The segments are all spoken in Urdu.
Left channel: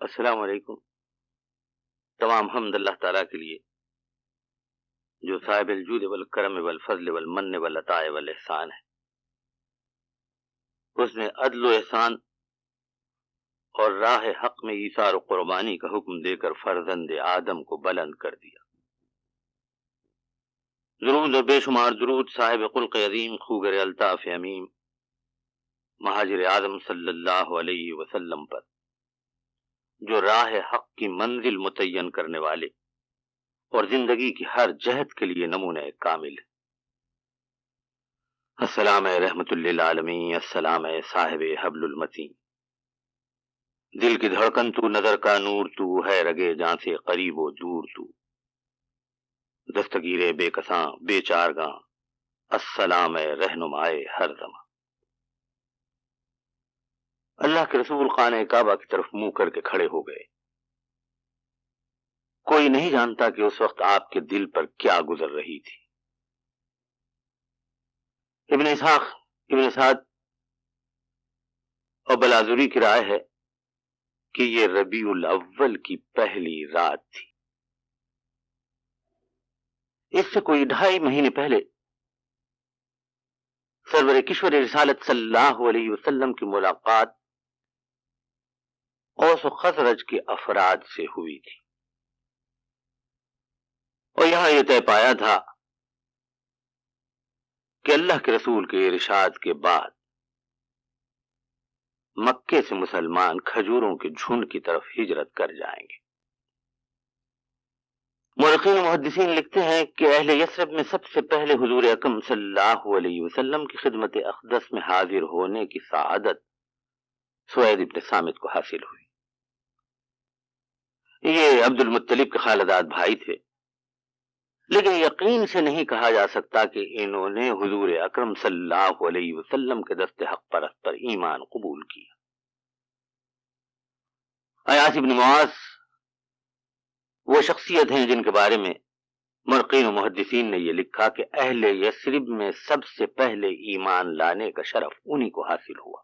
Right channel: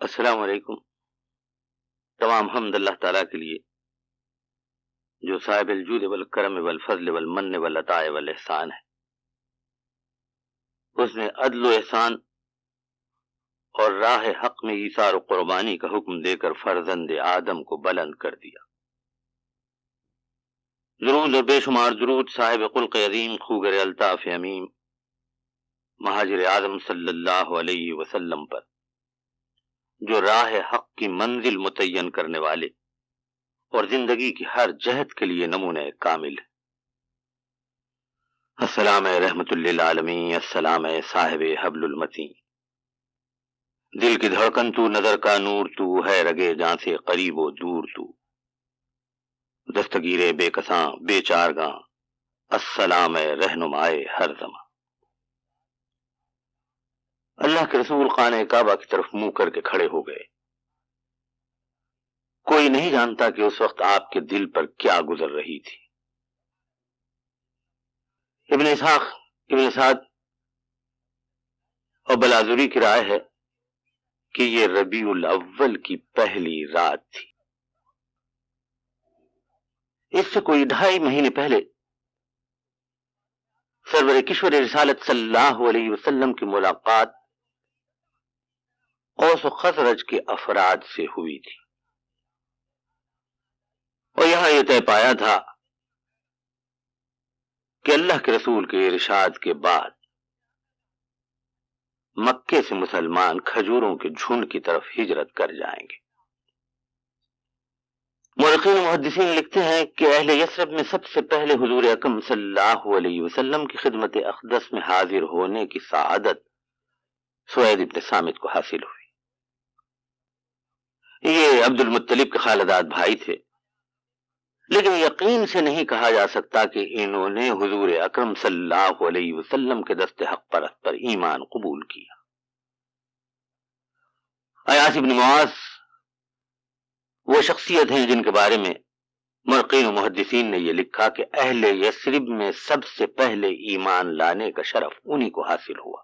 السلام علیکم۔ تمام حمد اللہ تعالیٰ کے لیے جو صاحب الجود والکرم والفضل والمن والعطاء والاحسان ہے۔ اس نے عدل و احسان اور راہ حق میں ایثار و قربانی کا حکم دے کر فرزند آدم کو بلند کر دیا۔ درود و بے شمار درود صاحب خلق عظیم خوگر الطاف امیم مہاجر اعظم صلی اللہ علیہ وسلم پر، جو راہ حق کی منزل متعین کرنے والے اور زندگی کی ہر جہت کے لیے نمونہ کامل ہے۔ السلام رحمت للعالمین، السلام صاحب حبل المتین، دل کی دھڑکن تو، نظر کا نور تو، ہے رگے جاں سے قریب و دور تو، دستگیر بے کساں بے چارگاں، السلام رہنمائے ہر زمان۔ اللہ کے رسول خانہ کعبہ کی طرف منہ کر کے کھڑے ہو گئے۔ کوئی نہیں جانتا کہ اس وقت آپ کے دل پر کیا گزر رہی تھی۔ ابن اسحاق، ابن سعد اور بلازری کی رائے ہے کہ یہ ربیع الاول کی پہلی رات تھی۔ اس سے کوئی 2.5 مہینے پہلے سرور کشور رسالت صلی اللہ علیہ وسلم کی ملاقات اوس و خزرج کے افراد سے ہوئی تھی، اور یہاں یہ طے پایا تھا کہ اللہ کے رسول کے ارشاد کے بعد مکے سے مسلمان کھجوروں کے جھنڈ کی طرف ہجرت کر جائیں گے۔ مورخین و محدثین لکھتے ہیں کہ اہل یثرب میں سب سے پہلے حضور اکرم صلی اللہ علیہ وسلم کی خدمت اقدس میں حاضر ہونے کی سعادت سوید ابن صامت کو حاصل ہوئی۔ یہ عبد المطلب کے خالداد بھائی تھے، لیکن یقین سے نہیں کہا جا سکتا کہ انہوں نے حضور اکرم صلی اللہ علیہ وسلم کے دست حق پرست پر ایمان قبول کیا۔ عیاص ابن معاذ وہ شخصیت ہیں جن کے بارے میں مورخین و محدثین نے یہ لکھا کہ اہل یثرب میں سب سے پہلے ایمان لانے کا شرف انہی کو حاصل ہوا۔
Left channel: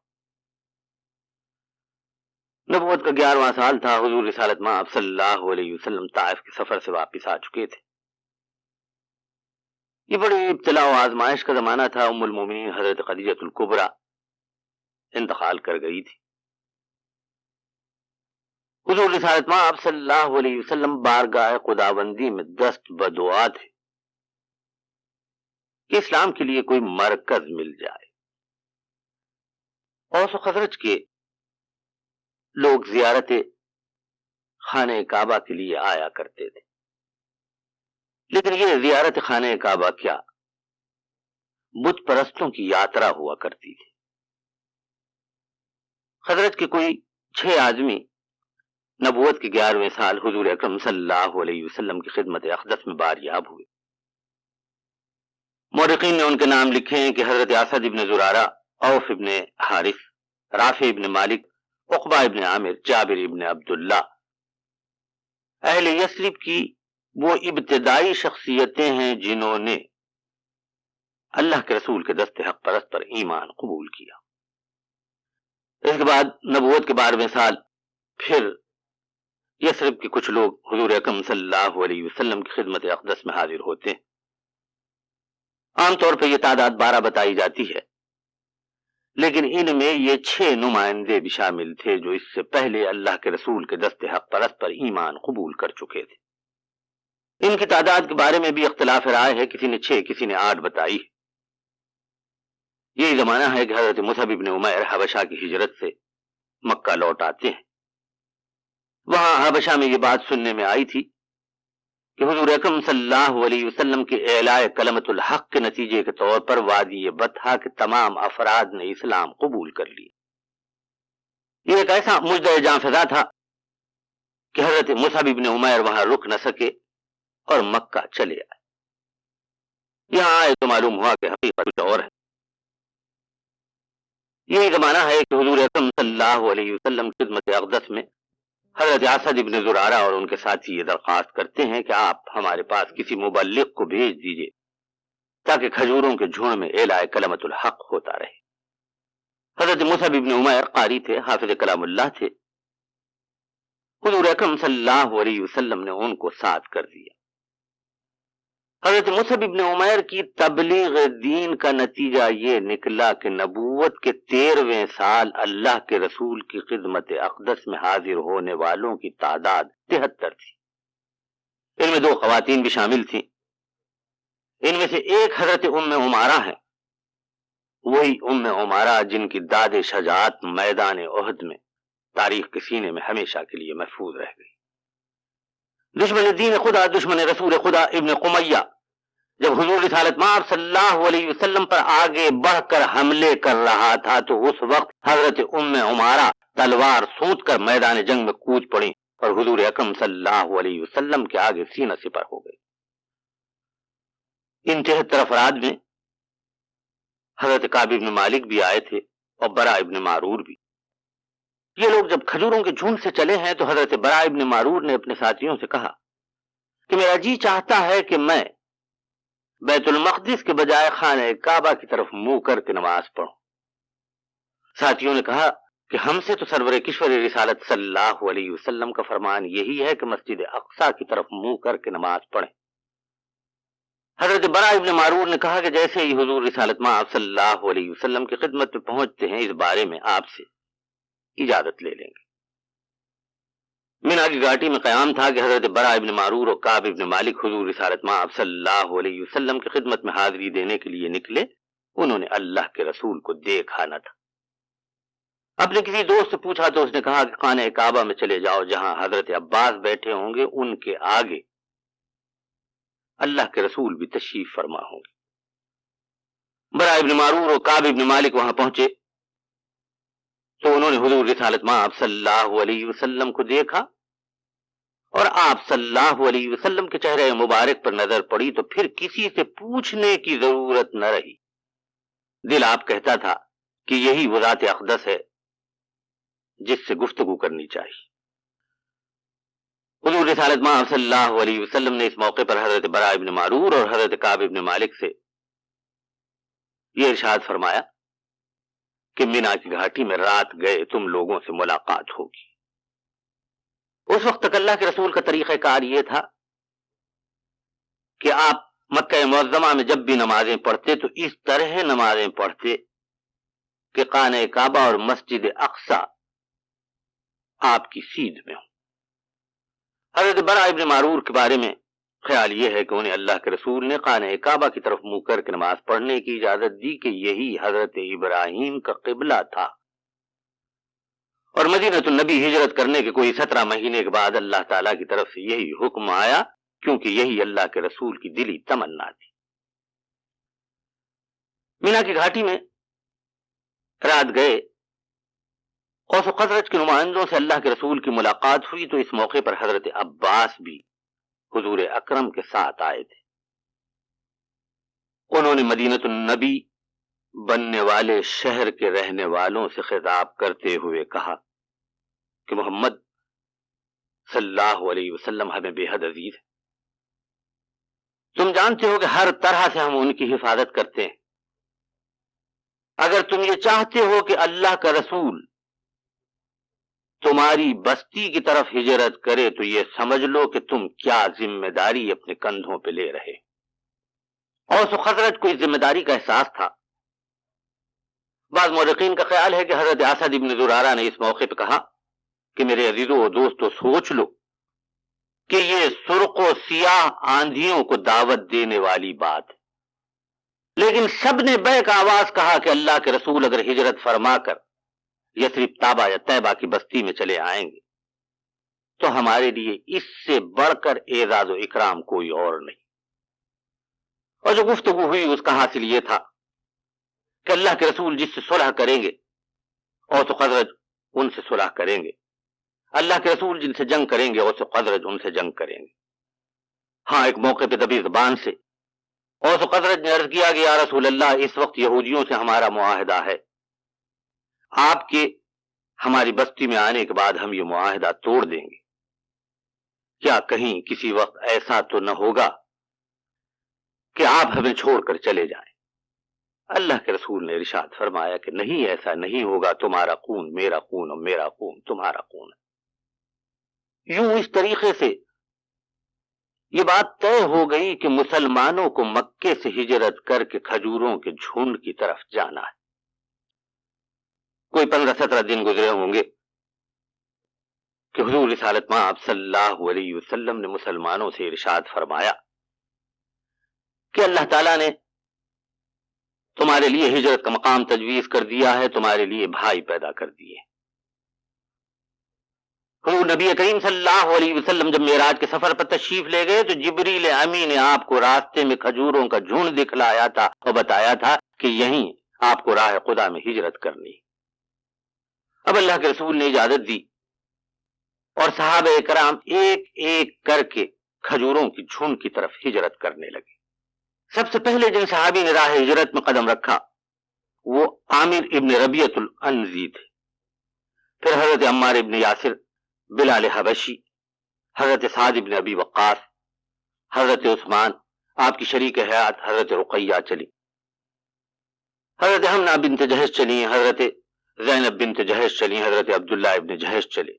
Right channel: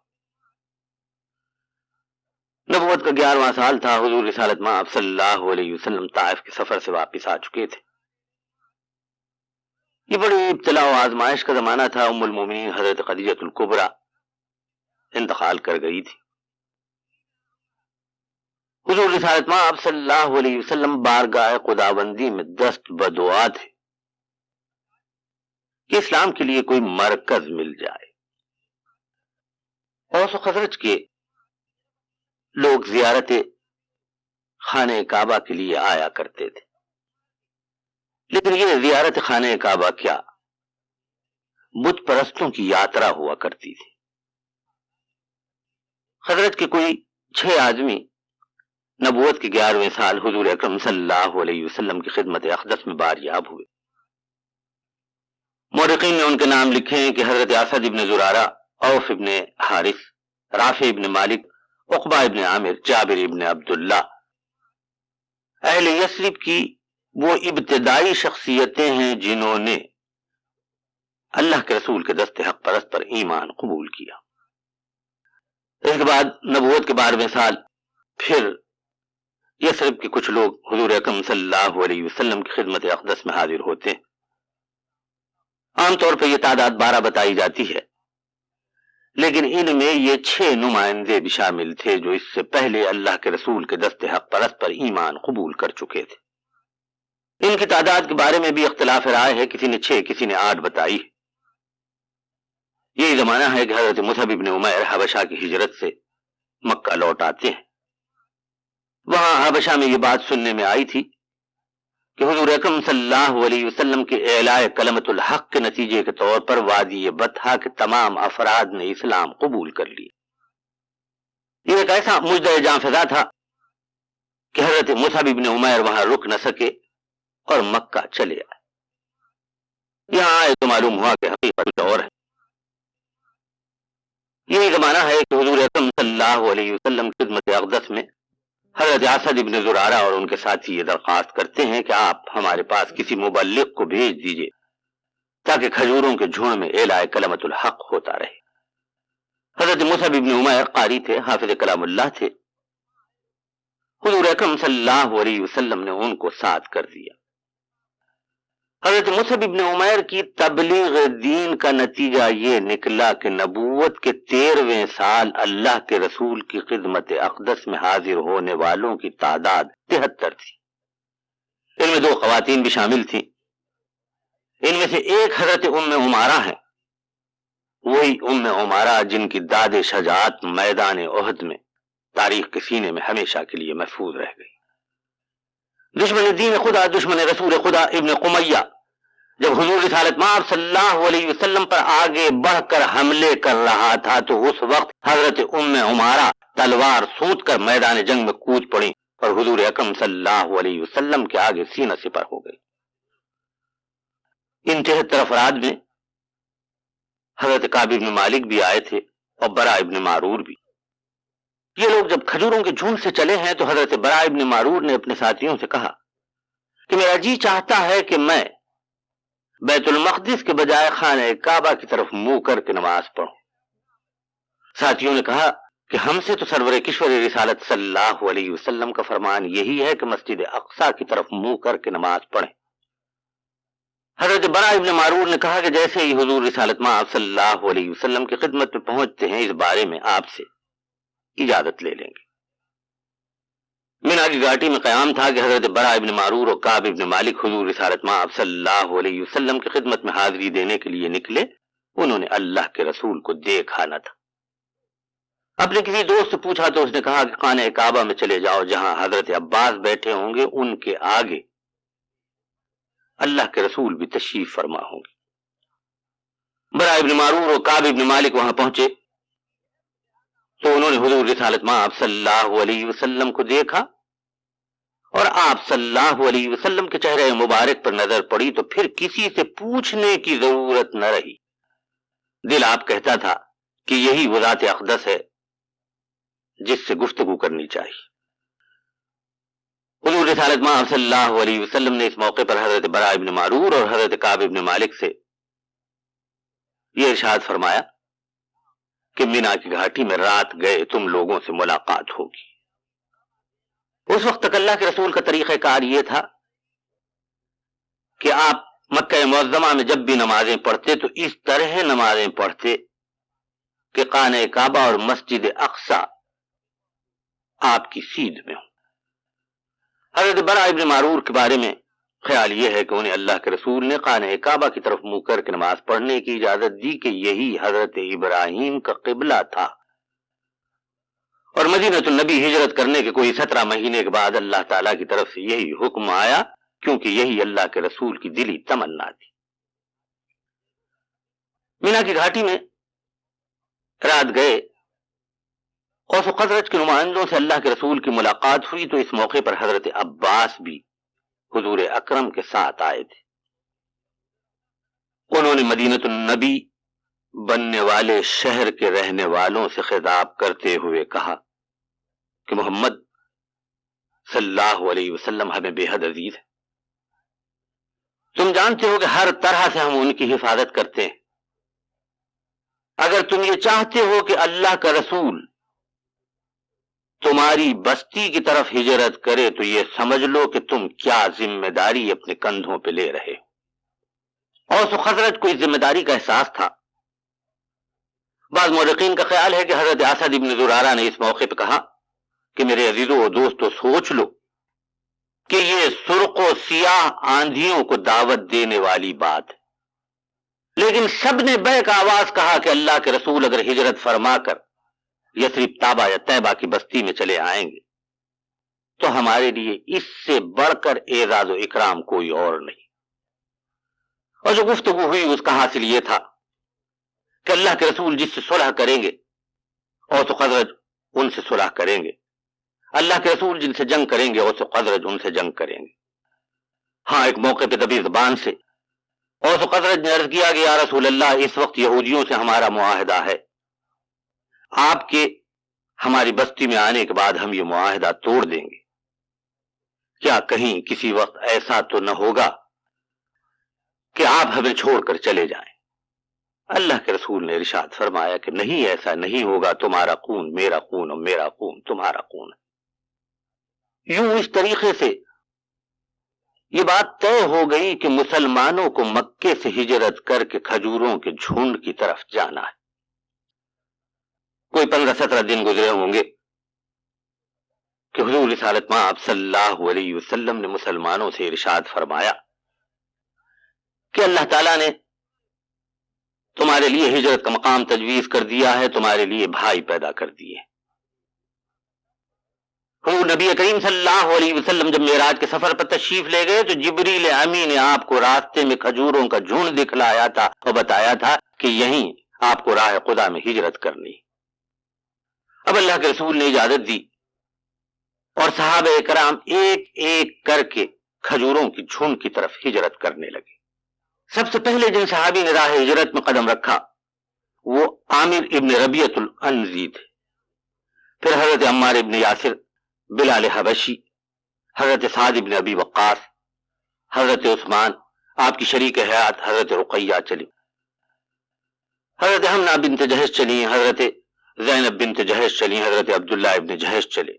نبوت کا 11واں سال تھا، حضور رسالت مآب صلی اللہ علیہ وسلم طائف کے سفر سے واپس آ چکے تھے۔ یہ بڑی ابتلا و آزمائش کا زمانہ تھا۔ ام المومنین حضرت خدیجہ الکبریٰ انتقال کر گئی تھی۔ حضور رسالت مآب صلی اللہ علیہ وسلم بارگاہ خداوندی میں دست بدعا تھے کہ اسلام کے لیے کوئی مرکز مل جائے۔ اوس و خزرج کے لوگ زیارت خانہ کعبہ کے لیے آیا کرتے تھے، لیکن یہ زیارت خانہ کعبہ کیا، بت پرستوں کی یاترا ہوا کرتی تھی۔ خزرج کے کوئی 6 آدمی نبوت کے 11ویں سال حضور اکرم صلی اللہ علیہ وسلم کی خدمت اقدس میں باریاب ہوئے۔ مورخین نے ان کے نام لکھے ہیں کہ حضرت اسد ابن زرارہ، اوف ابن حارث، رافع ابن مالک، عقبہ ابن عامر، جابر ابن عبداللہ اہل یثرب کی وہ ابتدائی شخصیتیں ہیں جنہوں نے اللہ کے رسول کے دست حق پرست پر ایمان قبول کیا۔ اس کے بعد نبوت کے 12ویں سال پھر یثرب کے کچھ لوگ حضور اکرم صلی اللہ علیہ وسلم کی خدمت اقدس میں حاضر ہوتے ہیں۔ عام طور پر یہ تعداد 12 بتائی جاتی ہے، لیکن ان میں یہ 6 نمائندے بھی شامل تھے جو اس سے پہلے اللہ کے رسول کے دست حق پرست پر ایمان قبول کر چکے تھے۔ ان کی تعداد کے بارے میں بھی اختلاف رائے ہے، کسی نے 6 کسی نے 8 بتائی ہے۔ یہی زمانہ ہے کہ حضرت مصعب ابن عمیر حبشہ کی ہجرت سے مکہ لوٹ آتے ہیں۔ وہاں حبشہ میں یہ بات سننے میں آئی تھی کہ حضور اکرم صلی اللہ علیہ وسلم کے اعلاء کلمت الحق کے نتیجے کے طور پر وادی بطحہ کے تمام افراد نے اسلام قبول کر لیا۔ یہ ایک ایسا مجدع جاں فضا تھا کہ حضرت مصعب ابن عمیر وہاں رک نہ سکے اور مکہ چلے آئے۔ یہاں آئے تو معلوم ہوا کہ حقیقت اور ہے۔ یہی زمانہ ہے کہ حضور اکرم صلی اللہ علیہ وسلم کی خدمت اقدس میں حضرت اسد ابن زرارہ اور ان کے ساتھی یہ درخواست کرتے ہیں کہ آپ ہمارے پاس کسی مبلغ کو بھیج دیجئے تاکہ کھجوروں کے جھنڈ میں اعلاء کلمت الحق ہوتا رہے۔ حضرت مصعب ابن عمیر قاری تھے، حافظ کلام اللہ تھے، حضور اکرم صلی اللہ علیہ وسلم نے ان کو ساتھ کر دیا۔ حضرت مصعب ابن عمیر کی تبلیغ دین کا نتیجہ یہ نکلا کہ نبوت کے 13ویں سال اللہ کے رسول کی خدمت اقدس میں حاضر ہونے والوں کی تعداد 73 تھی۔ ان میں 2 خواتین بھی شامل تھیں۔ ان میں سے ایک حضرت ام عمارہ ہیں، وہی ام عمارہ جن کی داد شجاعت میدان احد میں تاریخ کے سینے میں ہمیشہ کے لیے محفوظ رہ گئی۔ دشمن دین خدا، دشمن رسول خدا ابن قمیہ جب حضور رسالت مآب صلی اللہ علیہ وسلم پر آگے بڑھ کر حملے کر رہا تھا تو اس وقت حضرت ام عمارہ تلوار سونت کر میدان جنگ میں کود پڑی اور حضور اکرم صلی اللہ علیہ وسلم کے آگے سینہ سپر ہو گئی۔ ان 73 افراد میں حضرت کعب ابن مالک بھی آئے تھے اور برا ابن معرور بھی۔ یہ لوگ جب کھجوروں کے جھنڈ سے چلے ہیں تو حضرت برا ابن معرور نے اپنے ساتھیوں سے کہا کہ میرا جی چاہتا ہے کہ میں بیت المقدس کے بجائے خانہ کعبہ کی طرف منہ کر کے نماز پڑھوں۔ ساتھیوں نے کہا کہ ہم سے تو سرور کشور رسالت صلی اللہ علیہ وسلم کا فرمان یہی ہے کہ مسجد اقصی کی طرف منہ کر کے نماز پڑھیں۔ حضرت برا ابن معرور نے کہا کہ جیسے ہی حضور رسالت مآب صلی اللہ علیہ وسلم کی خدمت میں پہنچتے ہیں اس بارے میں آپ سے اجازت لے لیں گے۔ مینا کی گھاٹی میں قیام تھا کہ حضرت برا ابن معرور اور کعب ابن مالک حضور رسالت مآب صلی اللہ علیہ وسلم کی خدمت میں حاضری دینے کے لیے نکلے۔ انہوں نے اللہ کے رسول کو دیکھا نہ تھا۔ اپنے کسی دوست سے پوچھا تو اس نے کہا کہ خانہ کعبہ میں چلے جاؤ، جہاں حضرت عباس بیٹھے ہوں گے ان کے آگے اللہ کے رسول بھی تشریف فرما ہوں گے۔ برا ابن معرور اور کعب ابن مالک وہاں پہنچے تو انہوں نے حضور رسالت مآب صلی اللہ علیہ وسلم کو دیکھا اور آپ صلی اللہ علیہ وسلم کے چہرے مبارک پر نظر پڑی تو پھر کسی سے پوچھنے کی ضرورت نہ رہی۔ دل آپ کہتا تھا کہ یہی وہ ذات اقدس ہے جس سے گفتگو کرنی چاہیے۔ حضور رسالت مآب صلی اللہ علیہ وسلم نے اس موقع پر حضرت برا ابن معرور اور حضرت کعب ابن مالک سے یہ ارشاد فرمایا کہ مینا کی گھاٹی میں رات گئے تم لوگوں سے ملاقات ہوگی۔ اس وقت تک اللہ کے رسول کا طریقہ کار یہ تھا کہ آپ مکہ معظمہ میں جب بھی نمازیں پڑھتے تو اس طرح نمازیں پڑھتے کہ خانہ کعبہ اور مسجد اقصی آپ کی سیدھ میں ہوں۔ حضرت برا ابن معرور کے بارے میں خیال یہ ہے کہ انہیں اللہ کے رسول نے خانہ کعبہ کی طرف منہ کر کے نماز پڑھنے کی اجازت دی کہ یہی حضرت ابراہیم کا قبلہ تھا، اور مدینہ النبی ہجرت کرنے کے کوئی 17 مہینے کے بعد اللہ تعالیٰ کی طرف سے یہی حکم آیا، کیونکہ یہی اللہ کے رسول کی دلی تمنا تھی۔ مینا کی گھاٹی میں رات گئے اوس و خزرج کے نمائندوں سے اللہ کے رسول کی ملاقات ہوئی تو اس موقع پر حضرت عباس بھی حضور اکرم کے ساتھ آئے تھے۔ انہوں نے مدینہ النبی بننے والے شہر کے رہنے والوں سے خطاب کرتے ہوئے کہا کہ محمد صلی اللہ علیہ وسلم ہمیں بے حد عزیز ہے۔ تم جانتے ہو کہ ہر طرح سے ہم ان کی حفاظت کرتے ہیں۔ اگر تم یہ چاہتے ہو کہ اللہ کا رسول تمہاری بستی کی طرف ہجرت کرے تو یہ سمجھ لو کہ تم کیا ذمہ داری اپنے کندھوں پہ لے رہے ہو۔ اوس و خزرج کو اس ذمہ داری کا احساس تھا۔ بعض مورخین کا خیال ہے کہ حضرت اسد ابن زرارہ نے اس موقع پہ کہا کہ میرے عزیزوں و دوستو سوچ لو کہ یہ سرخ و سیاہ آندھیوں کو دعوت دینے والی بات ہے، لیکن سب نے بیک آواز کہا کہ اللہ کے رسول اگر ہجرت فرما کر یثرب تابہ یا طیبہ کی بستی میں چلے آئیں گے تو ہمارے لیے اس سے بڑھ کر اعزاز و اکرام کوئی اور نہیں۔ اور جو گفتگو ہوئی اس کا حاصل یہ تھا کہ اللہ کے رسول جس سے صلح کریں گے اوس و خزرج ان سے صلح کریں گے، اللہ کے رسول جن سے جنگ کریں گے اوس و خزرج ان سے جنگ کریں گے۔ ہاں ایک موقع پہ دبی زبان سے اوس و خزرج نے عرض کیا کہ یا رسول اللہ اس وقت یہودیوں سے ہمارا معاہدہ ہے، آپ کے ہماری بستی میں آنے کے بعد ہم یہ معاہدہ توڑ دیں گے، کیا کہیں کسی وقت ایسا تو نہ ہوگا کہ آپ ہمیں چھوڑ کر چلے جائیں؟ اللہ کے رسول نے ارشاد فرمایا کہ نہیں، ایسا نہیں ہوگا، تمہارا خون میرا خون اور میرا خون تمہارا خون ہے۔ یوں اس طریقے سے یہ بات طے ہو گئی کہ مسلمانوں کو مکے سے ہجرت کر کے کھجوروں کے جھنڈ کی طرف جانا ہے۔ کوئی 15-17 دن گزرے ہوں گے کہ حضور رسالت مآب صلی اللہ علیہ وسلم نے مسلمانوں سے ارشاد فرمایا کہ اللہ تعالیٰ نے تمہارے لیے ہجرت کا مقام تجویز کر دیا ہے، تمہارے لیے بھائی پیدا کر دیے۔ حضور نبی کریم صلی اللہ علیہ وسلم جب معراج کے سفر پر تشریف لے گئے تو جبریل امی نے آپ کو راستے میں کھجوروں کا جھنڈ دکھلایا تھا اور بتایا تھا کہ یہیں آپ کو راہ خدا میں ہجرت کرنی۔ اب اللہ کے رسول نے اجازت دی اور صحابہ کرام ایک ایک کر کے کھجوروں کی جھنڈ کی طرف ہجرت کرنے لگے۔ سب سے پہلے جن صحابی نے راہ ہجرت میں قدم رکھا وہ عامر ابن ربیعۃ العنزی تھے، پھر حضرت عمار ابن یاسر، بلال حبشی، حضرت سعد ابن ابی وقاص، حضرت عثمان، آپ کی شریک حیات حضرت رقیہ چلی، حضرت حمنہ بنت جہش چلی، حضرت زینب بنت جہش چلی، حضرت عبداللہ ابن جہش چلے۔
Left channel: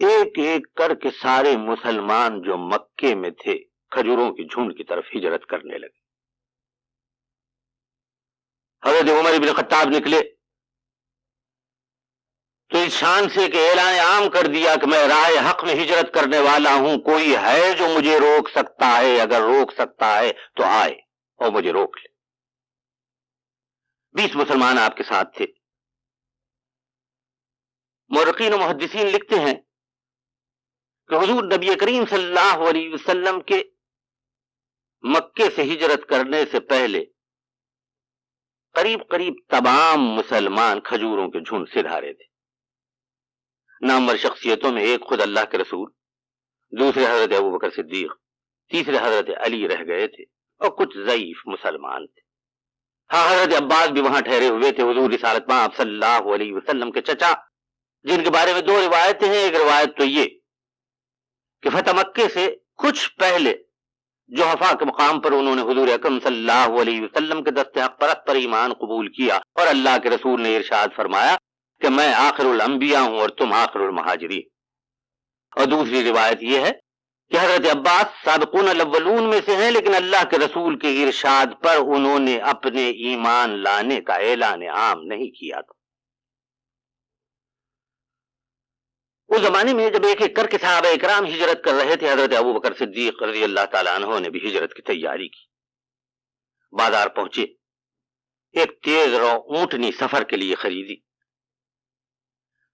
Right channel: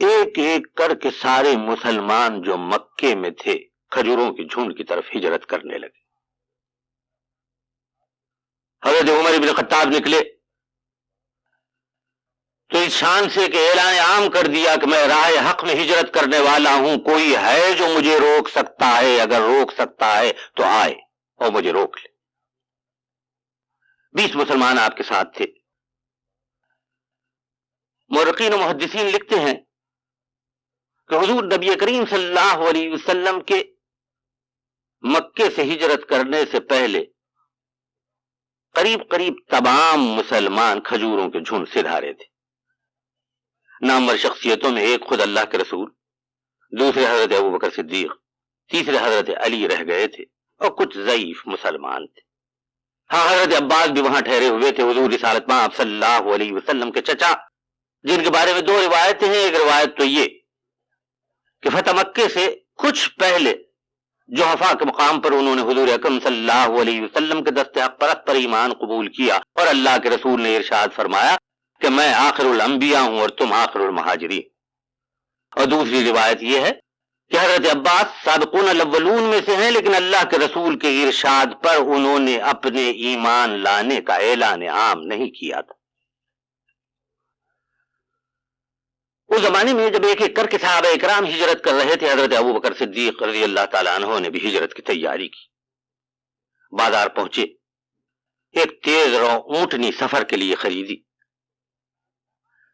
ایک ایک کر کے سارے مسلمان جو مکے میں تھے کھجوروں کی جھنڈ کی طرف ہجرت کرنے لگے۔ حضرت عمر بن خطاب نکلے تو اس شان سے کہ اعلان عام کر دیا کہ میں راہ حق میں ہجرت کرنے والا ہوں، کوئی ہے جو مجھے روک سکتا ہے؟ اگر روک سکتا ہے تو آئے اور مجھے روک لے۔ 20 مسلمان آپ کے ساتھ تھے۔ مورخین و محدثین لکھتے ہیں کہ حضور نبی کریم صلی اللہ علیہ وسلم کے مکے سے ہجرت کرنے سے پہلے قریب قریب تمام مسلمان کھجوروں کے جھنڈ سے دھارے تھے۔ نامور شخصیتوں میں ایک خود اللہ کے رسول، دوسرے حضرت ابوبکر صدیق، تیسرے حضرت علی رہ گئے تھے اور کچھ ضعیف مسلمان تھے۔ ہاں، حضرت عباس بھی وہاں ٹھہرے ہوئے تھے، حضور رسالت مآب صلی اللہ علیہ وسلم کے چچا، جن کے بارے میں 2 روایتیں ہیں۔ ایک روایت تو یہ کہ فتح مکے سے کچھ پہلے جحفا کے مقام پر انہوں نے حضور اکرم صلی اللہ علیہ وسلم کے دست حق پرست پر ایمان قبول کیا اور اللہ کے رسول نے ارشاد فرمایا کہ میں آخر الانبیاء ہوں اور تم آخر المہاجرین۔ اور دوسری روایت یہ ہے کہ حضرت عباس سابقون الاولون میں سے ہیں، لیکن اللہ کے رسول کے ارشاد پر انہوں نے اپنے ایمان لانے کا اعلان عام نہیں کیا تھا۔ اس زمانے میں جب ایک ایک کر کے صحابہ اکرام ہجرت کر رہے تھے، حضرت ابوبکر صدیق رضی اللہ تعالیٰ عنہ نے بھی ہجرت کی تیاری کی۔ بازار پہنچے، ایک تیز رو اونٹنی سفر کے لیے خریدی۔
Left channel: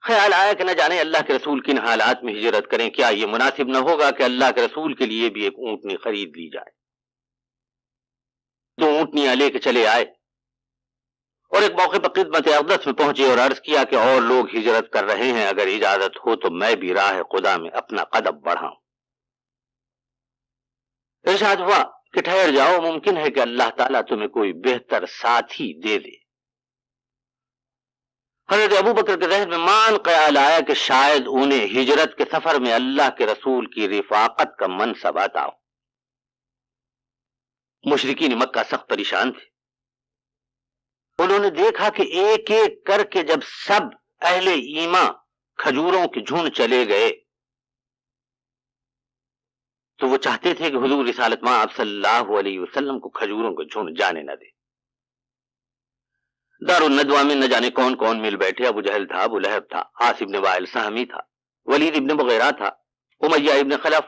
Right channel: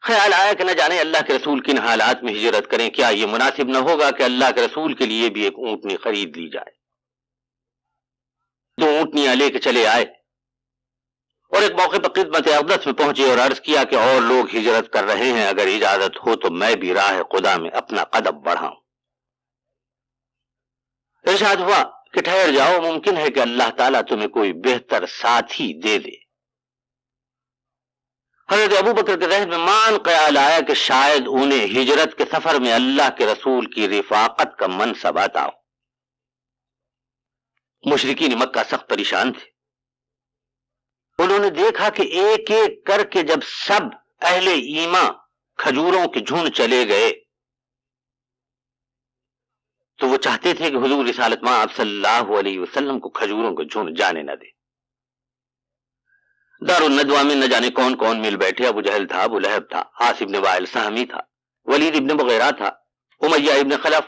خیال آیا کہ نہ جانے اللہ کے رسول کن حالات میں ہجرت کریں، کیا یہ مناسب نہ ہوگا کہ اللہ کے رسول کے لیے بھی ایک اونٹنی خرید لی جائے۔ 2 اونٹنیاں لے کے چلے آئے اور ایک موقع پر خدمت اقدس میں پہنچے اور عرض کیا کہ اور لوگ ہجرت کر رہے ہیں، اگر اجازت ہو تو میں بھی راہ خدا میں اپنا قدم بڑھاؤں۔ ارشاد ہوا کہ ٹھہر جاؤ، ممکن ہے کہ اللہ تعالیٰ تمہیں کوئی بہتر ساتھی دے دے۔ حضرت ابوبکر کے ذہن میں مان خیال آیا کہ شاید انہیں ہجرت کے سفر میں اللہ کے رسول کی رفاقت کا منصب عطا ہو۔ مشرکین مکہ سخت پریشان تھے۔ انہوں نے دیکھا کہ ایک ایک کر کے جب سب اہل ایمان کھجوروں کے جھنڈ چلے گئے تو وہ چاہتے تھے کہ حضور رسالت مآب صلی اللہ علیہ وسلم کو کھجوروں کے جھنڈ جانے نہ دے۔ دار الندوہ میں نہ جانے کون کون مل بیٹھے، ابو جہل تھا، ابو لہب تھا، عاص ابن وائل سہمی تھا، ولید ابن مغیرہ تھا، امیہ ابن خلف،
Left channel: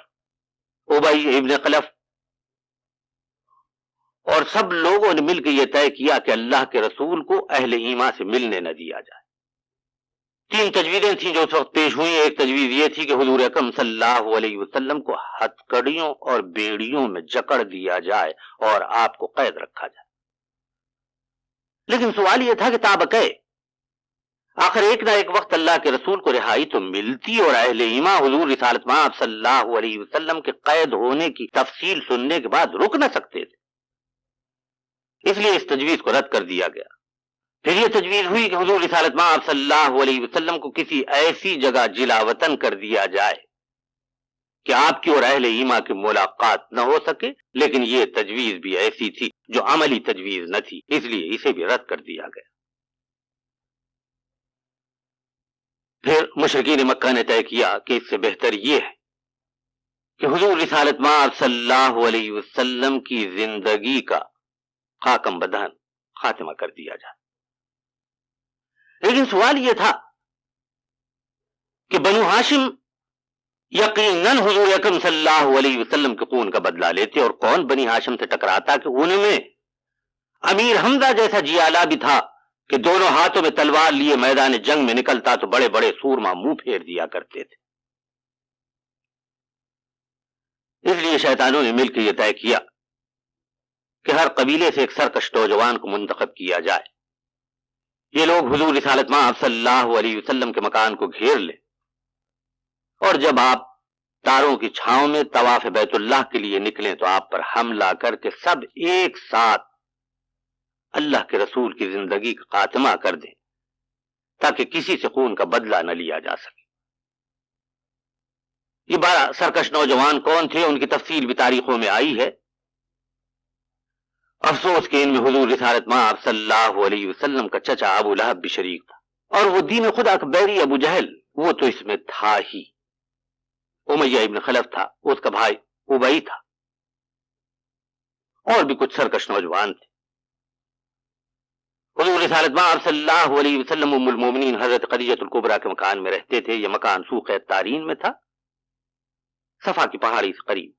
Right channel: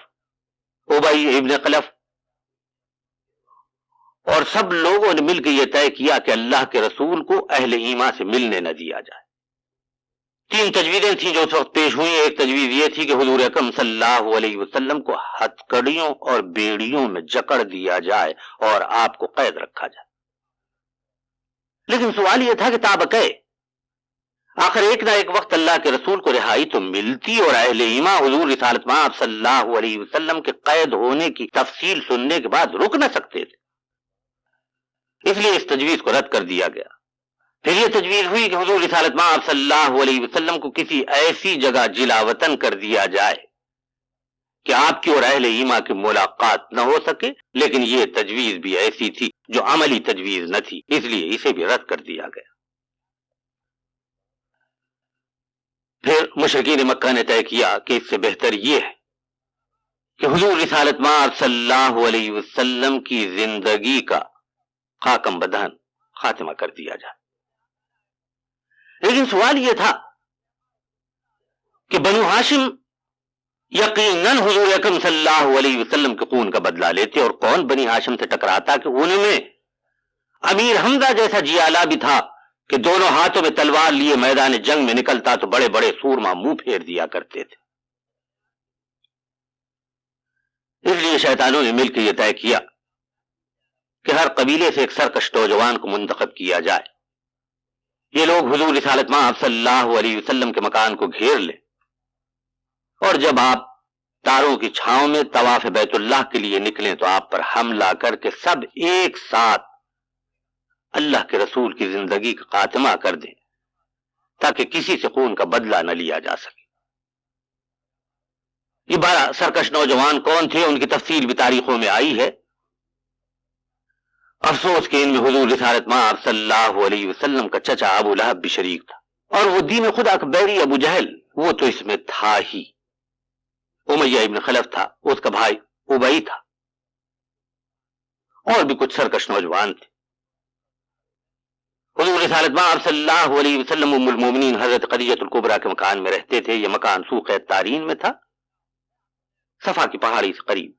ابی ابن خلف، اور سب لوگوں نے مل کے یہ طے کیا کہ اللہ کے رسول کو اہل ایمان سے ملنے نہ دیا جائے۔ 3 تجویزیں تھیں جو اس وقت پیش ہوئی۔ ایک تجویز یہ تھی کہ حضور اکرم صلی اللہ علیہ وسلم کو ہتھکڑیوں اور بیڑیوں میں جکڑ دیا جائے اور آپ کو قید رکھا جائے، لیکن سوال یہ تھا کہ تابقے آخر ایک نہ ایک وقت اللہ کے رسول کو رہائی تو ملتی اور اہل ایمان حضور رسالت مآب صلی اللہ علیہ وسلم کے قید ہونے کی تفصیل سننے کے بعد رک نہ سکتے تھے، اس لیے اس تجویز کو رد کر دیا گیا۔ پھر یہ تجویز ہوئی کہ حضور رسالت مآب صلی اللہ علیہ وسلم کو کسی ایسی جگہ جلا وطن کر دیا جائے کہ آپ کی اور اہل ایمان کی ملاقات نہ ہو سکے، لیکن یہ تجویز بھی ایسی تھی جو عملی تجویز نہ تھی، اس لیے اسے بھی رد کر دیا گیا۔ پھر مشرکین مکہ نے طے کیا کہ اس سے بہتر یہ ہے کہ حضور رسالت مآب صلی اللہ علیہ وسلم کی زندگی کا خاکم بدہن خاتمہ کر دیا جائے. لیکن سوال یہ تھا کہ بنو ہاشم یقیناً حضور اکرم صلی اللہ علیہ وسلم کے خون کا بدلہ لیتے، اور کون بنی ہاشم سے ٹکراتا کہ ان میں امیر حمزہ جیسا جیالا بھی تھا کہ دونوں ہاتھوں میں تلوار لیے میدان جنگ میں نکلتا تو بڑے بڑے سورما منہ پھیر دیا کرتے تھے. اس لیے شیطانوں نے مل کے یہ طے کیا کہ ہر قبیلے سے ایک سرکش نوجوان کو منتخب کیا جائے. یہ لوگ حضور رسالت مآب صلی اللہ علیہ وسلم کے مکان کو گھیر لیں، اور جب آپ تاروں کی چھاؤں میں طواف بیت اللہ کے لیے نکلیں تو آپ پر حملہ کر کے سب ایک ساتھ اللہ کے رسول کی زندگی کا خاتمہ کر دیں تاکہ کسی سے خون کا بدلہ نہ لیا جا سکے. یہ 12 سرکش نوجوان کون تھے ان کی تفصیل بھی تاریخوں میں آئی ہے. افسوس کہ ان میں حضور رسالت مآب صلی اللہ علیہ وسلم کا چچا ابو لہب بھی شریک تھا، اور وہ دین خدا کا بیری ابو جہل وہ تو اس میں تھا ہی. امیہ ابن خلف تھا، اس کا بھائی ابئی تھا، اور بھی کچھ سرکش نوجوان تھے. حضور رسالت مآب صلی اللہ علیہ وسلم ام المومنین حضرت خدیجہ الکبریٰ کے مکان میں رہتے تھے. یہ مکان سوق تارین میں تھا، صفا کی پہاڑی سے قریب.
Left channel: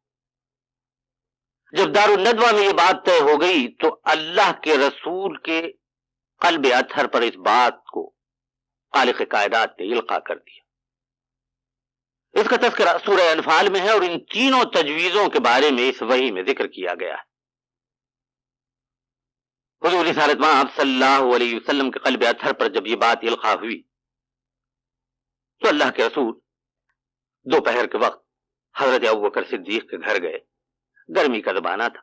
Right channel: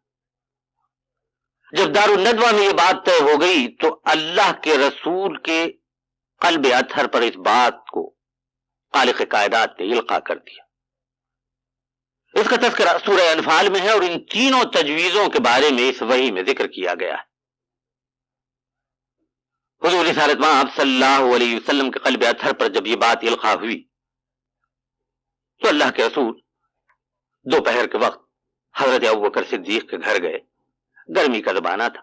جب دار الندوہ میں یہ بات طے ہو گئی تو اللہ کے رسول کے قلب اطہر پر اس بات کو خالق کائنات نے القا کر دیا. اس کا تذکرہ سورہ انفال میں ہے، اور ان تینوں تجویزوں کے بارے میں اس وحی میں ذکر کیا گیا ہے. حضور رسالت مآب صلی اللہ علیہ وسلم کے قلب اطہر پر جب یہ بات القا ہوئی تو اللہ کے رسول دوپہر کے وقت حضرت ابوبکر صدیق کے گھر گئے. گرمی کا زمانہ تھا،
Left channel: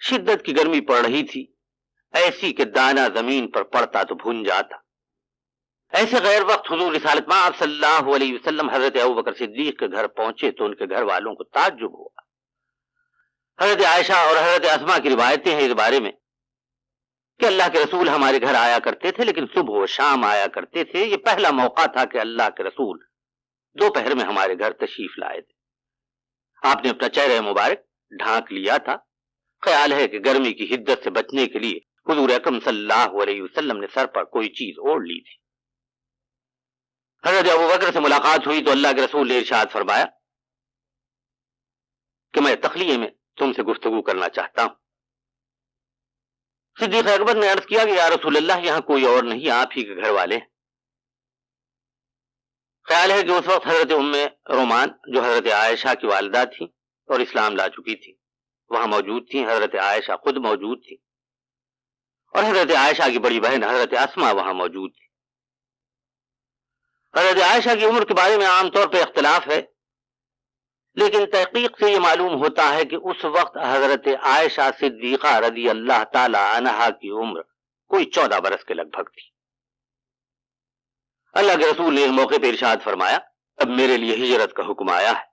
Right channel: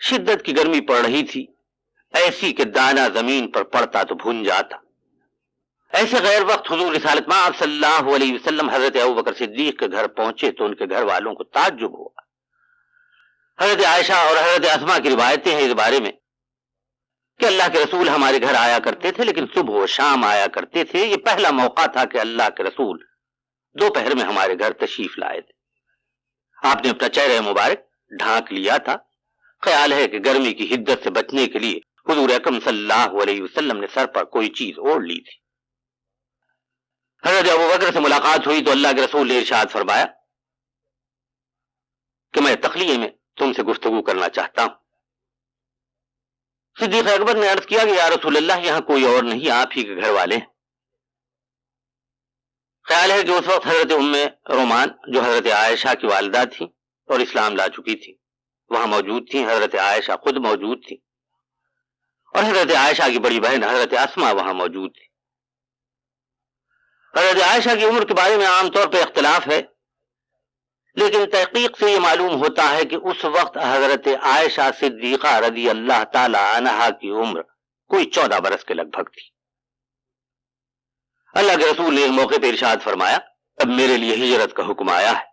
شدت کی گرمی پڑ رہی تھی، ایسی کہ دانہ زمین پر پڑتا تو بھن جاتا. ایسے غیر وقت حضور رسالت مآب صلی اللہ علیہ وسلم حضرت ابوبکر صدیق کے گھر پہنچے تو ان کے گھر والوں کو تعجب ہوا. حضرت عائشہ اور حضرت اسماء کی روایتیں ہیں اس بارے میں کہ اللہ کے رسول ہمارے گھر آیا کرتے تھے، لیکن صبح و شام آیا کرتے تھے. یہ پہلا موقع تھا کہ اللہ کے رسول دوپہر میں ہمارے گھر تشریف لائے تھے. آپ نے اپنا چہرہ مبارک ڈھانک لیا تھا. خیال ہے کہ گرمی کی حدت سے بچنے کے لیے حضور اکرم صلی اللہ علیہ وسلم نے سر پر کوئی چیز اوڑھ لی تھی. حضرت ابوبکر سے ملاقات ہوئی تو اللہ کے رسول نے ارشاد فرمایا کہ میں تخلیہ میں تم سے گفتگو کرنا چاہتا ہوں. صدیق اکبر نے عرض کیا کہ یا رسول اللہ یہاں کوئی اور نہیں، آپ ہی کے گھر والے ہیں. خیال ہے کہ اس وقت حضرت ام رومان جو حضرت عائشہ کی والدہ تھی اور اسلام لا چکی تھی وہاں موجود تھیں. حضرت عائشہ خود موجود تھی، اور حضرت عائشہ کی بڑی بہن حضرت اسماء وہاں موجود تھی. حضرت عائشہ کی عمر کے بارے میں عام طور پہ اختلاف ہے، لیکن تحقیق سے یہ معلوم ہوتا ہے کہ اس وقت حضرت عائشہ صدیقہ رضی اللہ تعالی عنہا کی عمر کوئی 14 برس کے لگ بھگ تھی. اللہ کے رسول نے ایک موقع پہ ارشاد فرمایا اب میرے لیے ہجرت کا حکم آیا ہے.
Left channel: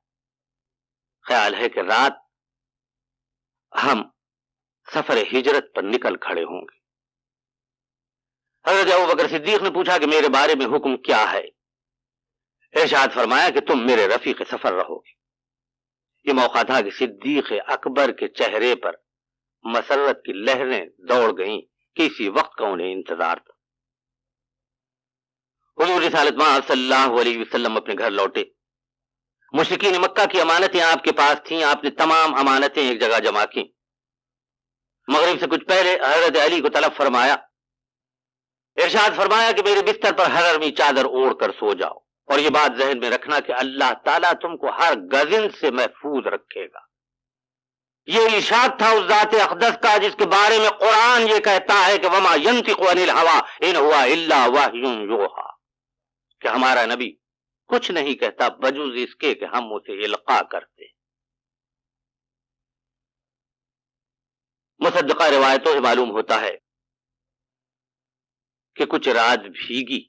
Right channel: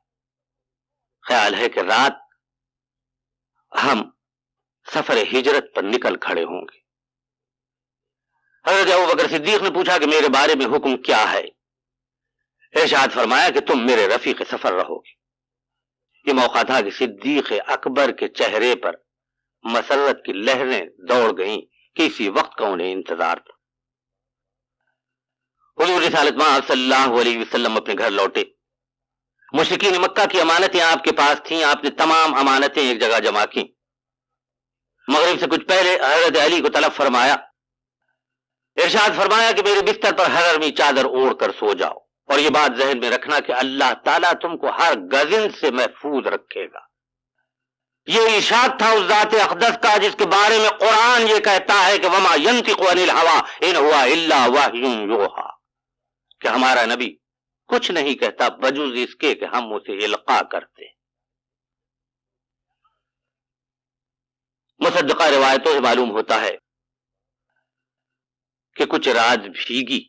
خیال ہے کہ رات ہم سفر ہجرت پر نکل کھڑے ہوں گے. حضرت ابوبکر صدیق نے پوچھا کہ میرے بارے میں حکم کیا ہے؟ ارشاد فرمایا کہ تم میرے رفیق سفر رہو گے. یہ موقع تھا کہ صدیق اکبر کے چہرے پر مسرت کی لہریں دوڑ گئیں کہ اسی وقت کا انہیں انتظار تھا. حضور رسالت مآب صلی اللہ علیہ وسلم اپنے گھر لوٹے. مشرکین مکہ کی امانتیں آپ کے پاس تھیں. آپ نے تمام امانتیں ایک جگہ جمع کی. مغرب سے کچھ پہلے حضرت علی کو طلب فرمایا. ارشاد فرمایا کہ میرے بستر پر حرمی چادر اوڑھ کر سو جاؤ، اور یہ بات ذہن میں رکھنا کہ اللہ تعالیٰ تم کو ہر گزن سے محفوظ رکھے گا. یہ ارشاد تھا اس ذات اقدس کا جس کے بارے میں قرآن یہ کہتا ہے کہ وما ينطق عن الهوى ان هو الا وحی یوحی، کہ ہمارا نبی کچھ نہیں کہتا بجز اس کے کہ ہم اسے القا کرتے. مصدقہ روایتوں سے معلوم ہوتا ہے کہ کچھ رات بھیگی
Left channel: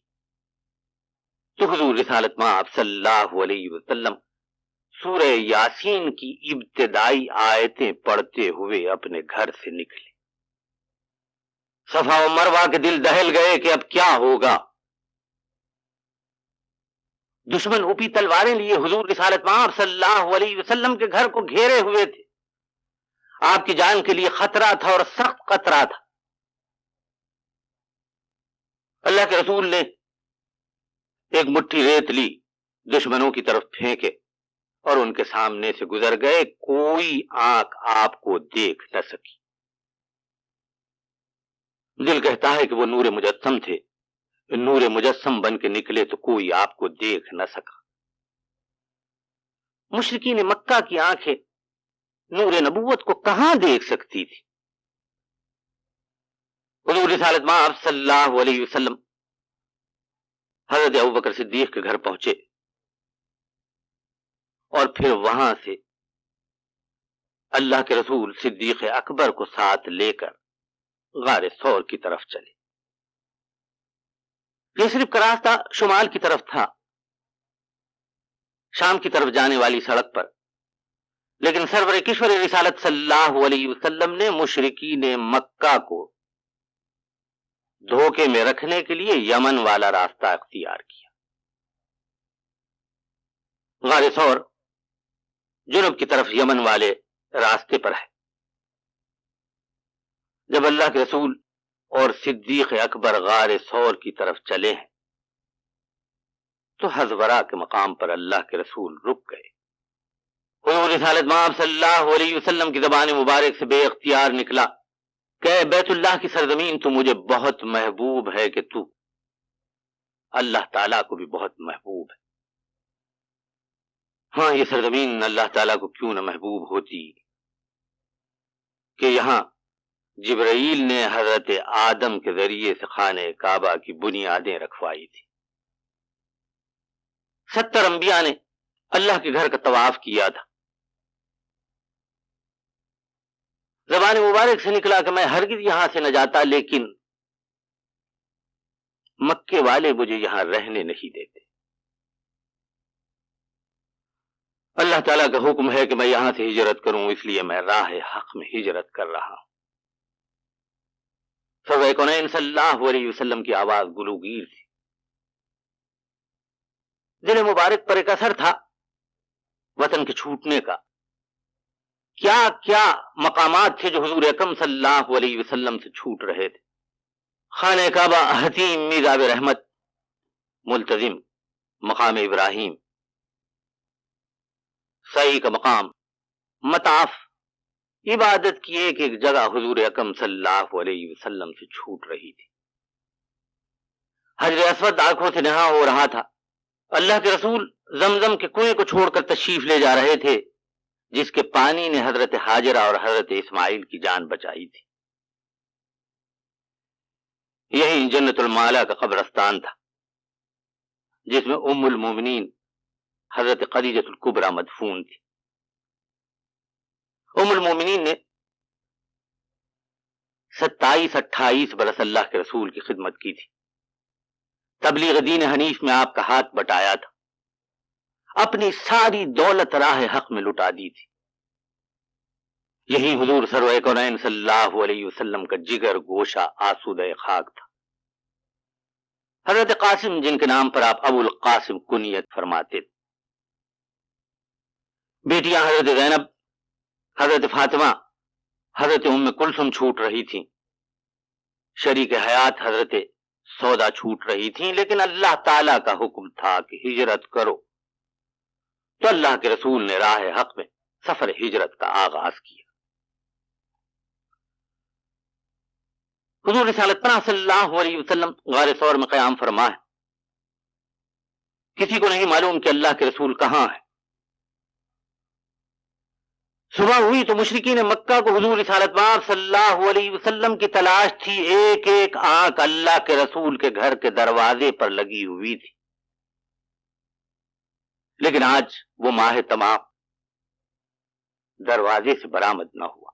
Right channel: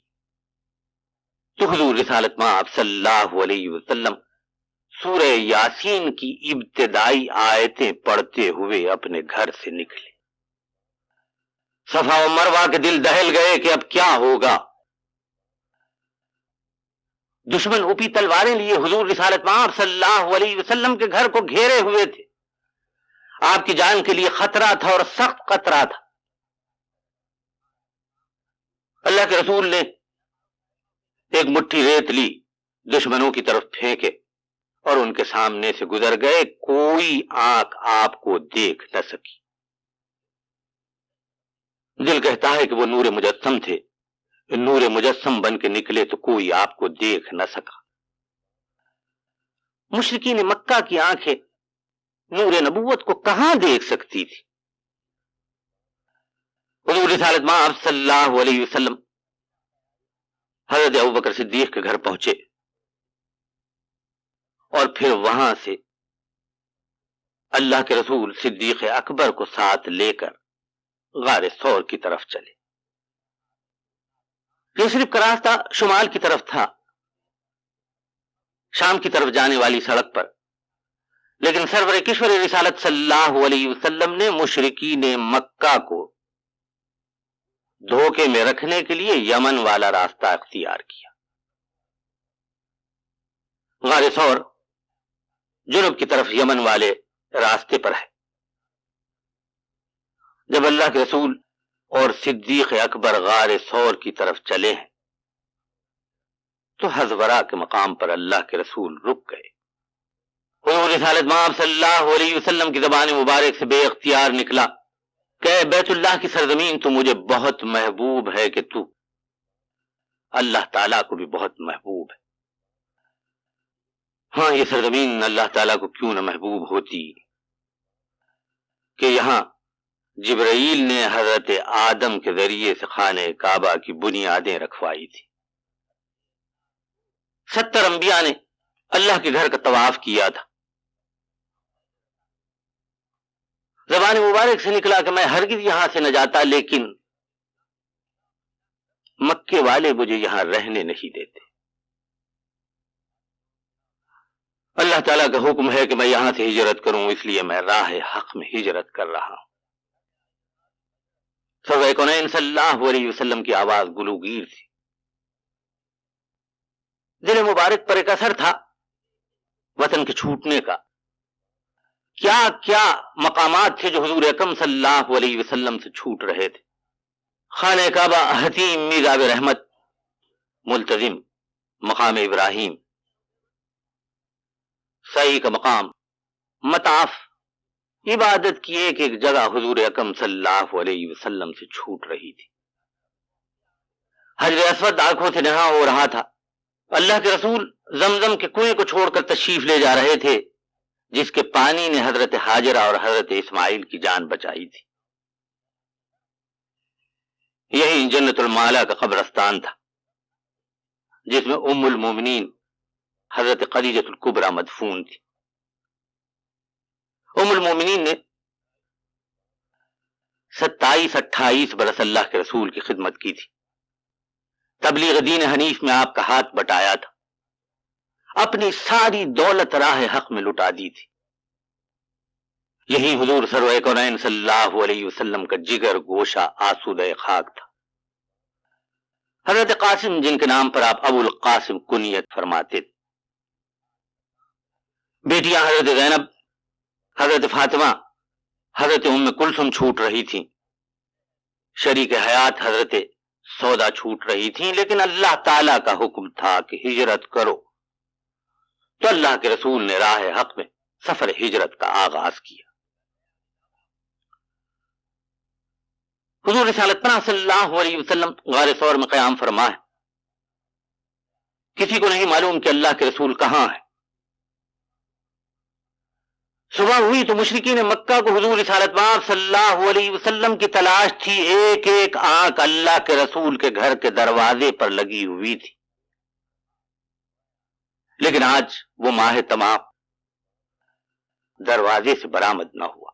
تو حضور رسالت مآب صلی اللہ علیہ وسلم سورہ یاسین کی ابتدائی آیتیں پڑھتے ہوئے اپنے گھر سے نکلے. صفا و مروہ کے دل دہل گئے کہ اب کیا ہوگا. دشمن اوپی تلواریں لیے حضور رسالت مآب صلی اللہ علیہ وسلم کے گھر کو گھیرے ہوئے تھے. آپ کی جان کے لیے خطرہ تھا اور سخت خطرہ تھا. اللہ کے رسول نے ایک مٹھی ریت لی, دشمنوں کی طرف پھینکے اور ان کے سامنے سے گزر گئے. کوئی آنکھ آپ کو دیکھ نہ سکی. دل کہتا ہے کہ وہ نور مجسم تھے, نور مجسم بن کے نکلے تو کوئی آپ کو دیکھ نہ سکا. مشرکین مکہ کی آنکھیں نور نبوت کو کہاں دیکھ سکتی تھی؟ حضور رسالت مآب صلی اللہ علیہ وسلم حضرت ابوبکر صدیق کے گھر پہنچے اور پھر وہاں سے اللہ کے رسول صدیق اکبر کو ساتھ لے کر غار ثور کی طرف چلے. یہ صرف کا راستہ شمال کی طرف تھا, شام کی طرف جانے والی سڑک پر, لیکن سرور کشور رسالت صلی اللہ علیہ وسلم نے مشرکین مکہ کو دھوکے میں رکھنے کے لیے یمن والا راستہ اختیار کیا. غار ثور جنوب کی طرف یمن والے راستے پر ہے. جب اللہ کے رسول اور صدیق اکبر غار ثور کی طرف چلے ہیں تو حضورا کے مقام پر اللہ کے رسول رک گئے. حضور رسالت مآب صلی اللہ علیہ وسلم کی زبان مبارک سے بے اختیار نکلا کہ بیت اللہ کی سرزمین تو مجھے بہت محبوب ہے کہ تو اللہ تعالیٰ کو بھی بہت محبوب ہے. ہاں, یہ سرزمین اللہ تعالیٰ کو کیوں نہ محبوب ہوتی کہ یہاں جبرائیل نے حضرت آدم کے ذریعے سے خانہ کعبہ کی بنیادیں رکھوائی تھی. 70 انبیاء نے اللہ کے گھر کا طواف کیا تھا. زبان مبارک سے نکلا کہ میں ہرگز یہاں سے نہ جاتا, لیکن مکے والے مجھے یہاں رہنے نہیں دیتے. اللہ تعالیٰ کا حکم ہے کہ میں یہاں سے ہجرت کروں, اس لیے میں راہ حق میں ہجرت کر رہا ہوں. سرور کونین صلی اللہ علیہ وسلم کی آواز گلوگیر تھی. دل مبارک پر ایک اثر تھا وطن کے چھوٹنے کا. کیا کیا مقامات تھے جو حضور اکرم صلی اللہ علیہ وسلم سے چھوٹ رہے تھے. خانہ کعبہ, حتیم میزاب رحمت, ملتزم, مقام ابراہیم, سعی کا مقام, مطاف, عبادت کی ایک ایک جگہ حضور اکرم صلی اللہ علیہ وسلم سے چھوٹ رہی تھی. حجر اسود آنکھوں سے نہا ہو رہا تھا. اللہ کے رسول زمزم کے کنویں کو چھوڑ کر تشریف لے جا رہے تھے جس کے پانی نے حضرت ہاجرہ اور حضرت اسماعیل کی جان بچائی تھی. یہی جنت المعلا کا قبرستان تھا جس میں ام المومنین حضرت خدیجہ الکبریٰ مدفون تھی. ام المومنین نے 27-28 برس اللہ کے رسول کی خدمت کی تھی. تبلیغ دین حنیف میں آپ کا ہاتھ بٹایا تھا. اپنی ساری دولت راہ حق میں لٹا دی تھی. یہی حضور سرور کونین صلی اللہ علیہ وسلم کا جگر گوشہ آسودہ خاک تھا. حضرت قاسم, جن کے نام پر آپ ابو القاسم کنیت فرماتے تھے, بیٹیاں حضرت زینب, حضرت فاطمہ, حضرت ام کلثوم چھوٹ رہی تھیں. شریک حیات حضرت سودا چھوٹ رہی تھیں. لیکن اللہ تعالیٰ کا حکم تھا کہ ہجرت کرو, تو اللہ کے رسول نے راہ حق میں سفر ہجرت کا آغاز کیا. حضور رسالت پناہ صلی اللہ علیہ وسلم غار ثور میں قیام فرما ہے. کسی کو نہیں معلوم کہ اللہ کے رسول کہاں ہے. صبح ہوئی تو مشرکین مکہ کو حضور رسالت پاک صلی اللہ علیہ وسلم کی تلاش تھی. ایک ایک آنکھ اللہ کے رسول کے گھر کے دروازے پر لگی ہوئی تھی. لیکن آج وہ ماہ تمام دروازے سے برآمد نہ ہوا.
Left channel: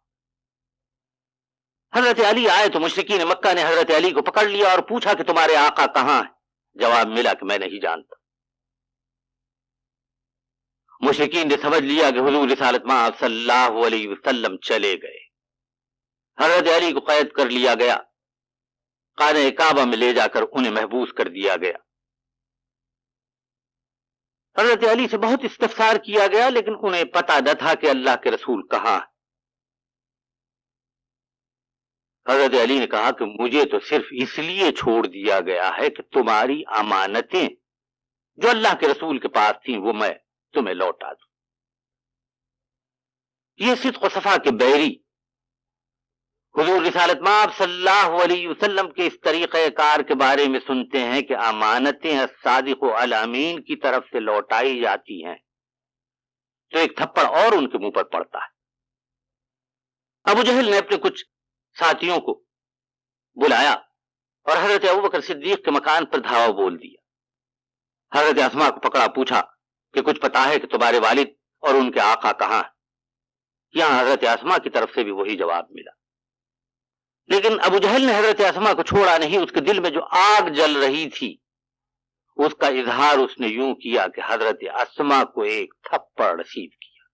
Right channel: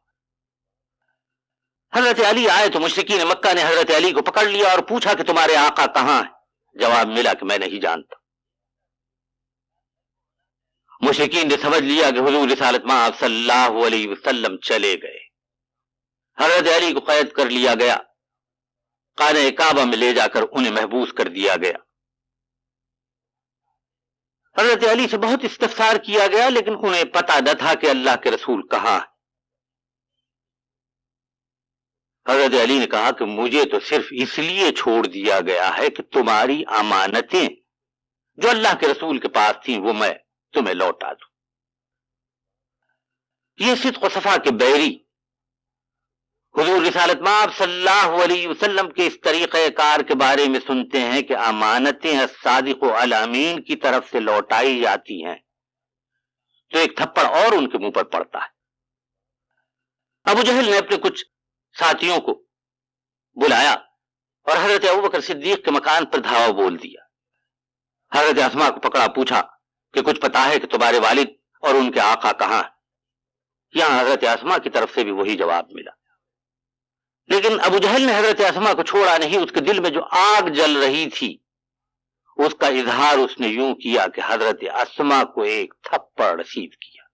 حضرت علی آئے تو مشرکین مکہ نے حضرت علی کو پکڑ لیا اور پوچھا کہ تمہارے آقا کہاں ہے؟ جواب ملا کہ میں نہیں جانتا. مشرکین نے سمجھ لیا کہ حضور رسالت مآب صلی اللہ علیہ وسلم چلے گئے. حضرت علی کو قید کر لیا گیا. خانہ کعبہ میں لے جا کر انہیں محبوس کر دیا گیا. حضرت علی سے بہت استفسار کیا گیا لیکن انہیں پتہ نہ تھا کہ اللہ کے رسول کہاں ہے۔ حضرت علی نے کہا کہ مجھے تو صرف اس لیے چھوڑ دیا گیا ہے کہ تمہاری امانتیں جو اللہ کے رسول کے پاس تھیں وہ میں تمہیں لوٹا دوں۔ یہ صدق و صفا کے بیری حضور رسالت مآب صلی اللہ علیہ وسلم کے اس طریقہ کار کے بارے میں سنتے ہیں کہ امانتیں الصادق الامین کی طرف سے لوٹائی جاتی ہیں تو ایک تھپڑ اور ان کے منہ پر پڑتا ہے۔ ابو جہل نے اپنے کچھ ساتھیوں کو بلایا اور حضرت ابوبکر صدیق کے مکان پر دھاوا بول دیا۔ حضرت اسماء کو پکڑا، پوچھا کہ کچھ پتا ہے کہ تمہارے والد اور ان کے آقا کہاں ہیں؟ یہاں حضرت اسماء کی طرف سے بھی وہی جواب ملا، لیکن ابو جہل نے حضرت اسماء کو چھوڑا نہیں۔ اس کے دل میں جو آگ جل رہی تھی اس کا اظہار اس نے یوں کیا کہ حضرت اسماء کو ایک تھپڑ رسید کیا۔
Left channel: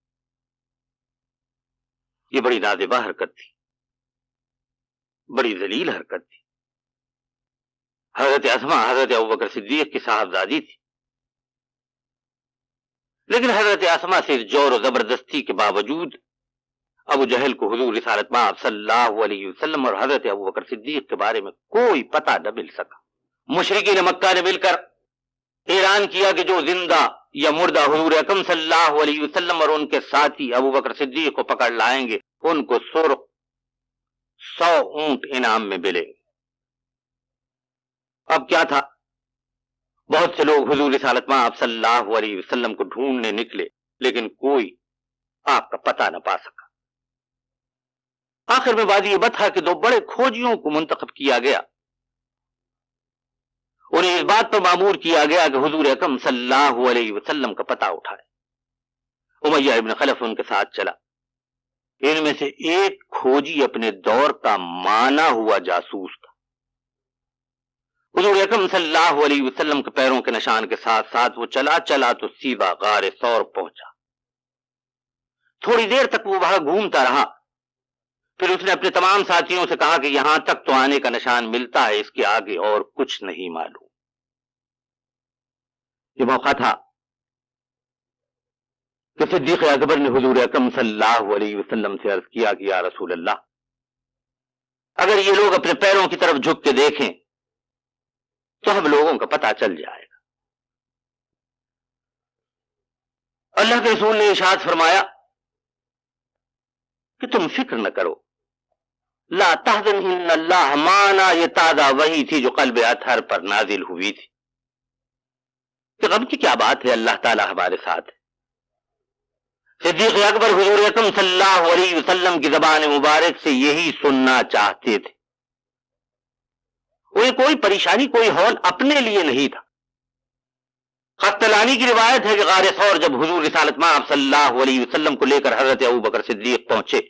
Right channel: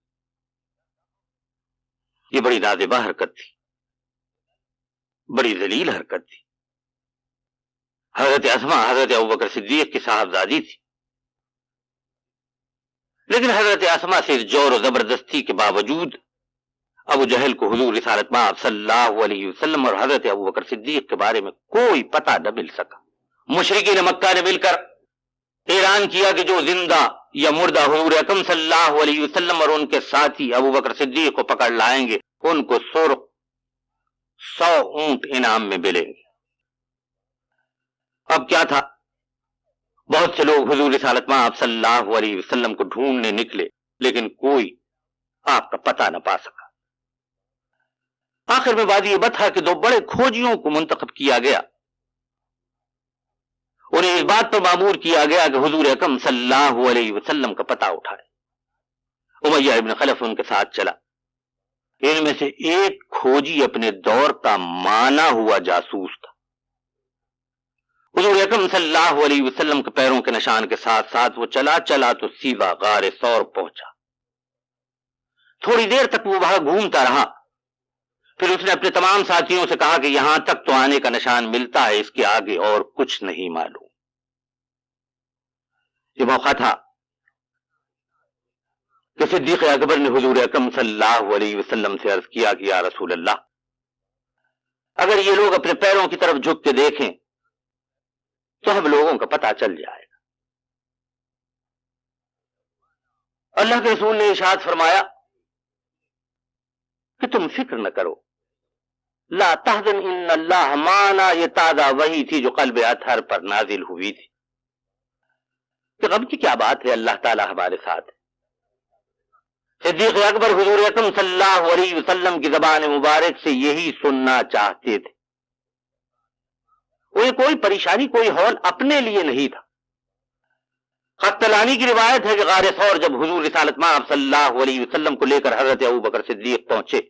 یہ بڑی نازیبہ حرکت تھی، بڑی ذلیل حرکت تھی۔ حضرت اسماء حضرت ابوبکر صدیق کی صاحبزادی تھی، لیکن حضرت اسماء سے زور و زبردستی کے باوجود ابو جہل کو حضور رسالت مآب صلی اللہ علیہ وسلم اور حضرت ابوبکر صدیق کے بارے میں کوئی پتہ نہ مل سکا۔ مشرکین مکہ نے مل کر اعلان کیا کہ جو زندہ یا مردہ حضور اکرم صلی اللہ علیہ وسلم اور ان کے ساتھی ابوبکر صدیق کو پکڑ لائیں گے ان کو 100 اونٹ انعام میں ملیں گے۔ اب کیا تھا، بہت سے لوگ حضور رسالت مآب صلی اللہ علیہ وسلم کو ڈھونڈنے نکلے لیکن کوئی آپ کا پتہ نہ پا سکا۔ آخر میں وادی بطحا کے 2 بڑے کھوجیوں کو منتخب کیا گیا، انہیں اس بات پر مامور کیا گیا کہ حضور اکرم صلی اللہ علیہ وسلم کا پتہ اٹھائے۔ امیہ ابن خلف ان کے ساتھ چلا۔ ان میں سے ایک کھوجی اپنے دور کا مانا ہوا جاسوس تھا۔ حضور اکرم صلی اللہ علیہ وسلم کے پیروں کے نشان کے ساتھ ساتھ وہ چلا تو سیدھا غار ثور پہنچا۔ تھوڑی دیر تک وہ وہاں گھومتا رہا، پھر اس نے اپنے تمام ساتھیوں سے کہا کہ یہاں تک تو آنے کا نشان ملتا ہے، اس کے آگے اور کچھ نہیں معلوم۔ یہ موقع تھا کہ صدیق اکبر نے حضور اکرم صلی اللہ علیہ وسلم سے عرض کیا کہ یا رسول اللہ، اگر یہ لوگ اپنے پیروں کی طرف جھک کے دیکھیں تو ہم لوگوں کا پتہ چل جائے گا۔ اللہ کے رسول نے ارشاد فرمایا کہ تم فکر نہ کرو، لا تحزن ان اللہ معنا۔ یہ تازہ وحی تھی جو قلب اطہر پر نازل ہوئی تھی کہ غم کی کیا بات ہے، اللہ تعالی ہمارے ساتھ ہے۔ صدیق اکبر حضور اکرم صلی اللہ علیہ وسلم کی زبان مبارک سے یہی سننا چاہتے تھے۔ انہیں کوئی پریشانی، کوئی ہول اپنے لیے نہیں تھا۔ خطلانی کی روایت ہے کہ غار ثور جب حضور رسالت مآب صلی اللہ علیہ وسلم کو لے کر حضرت ابوبکر صدیق پہنچے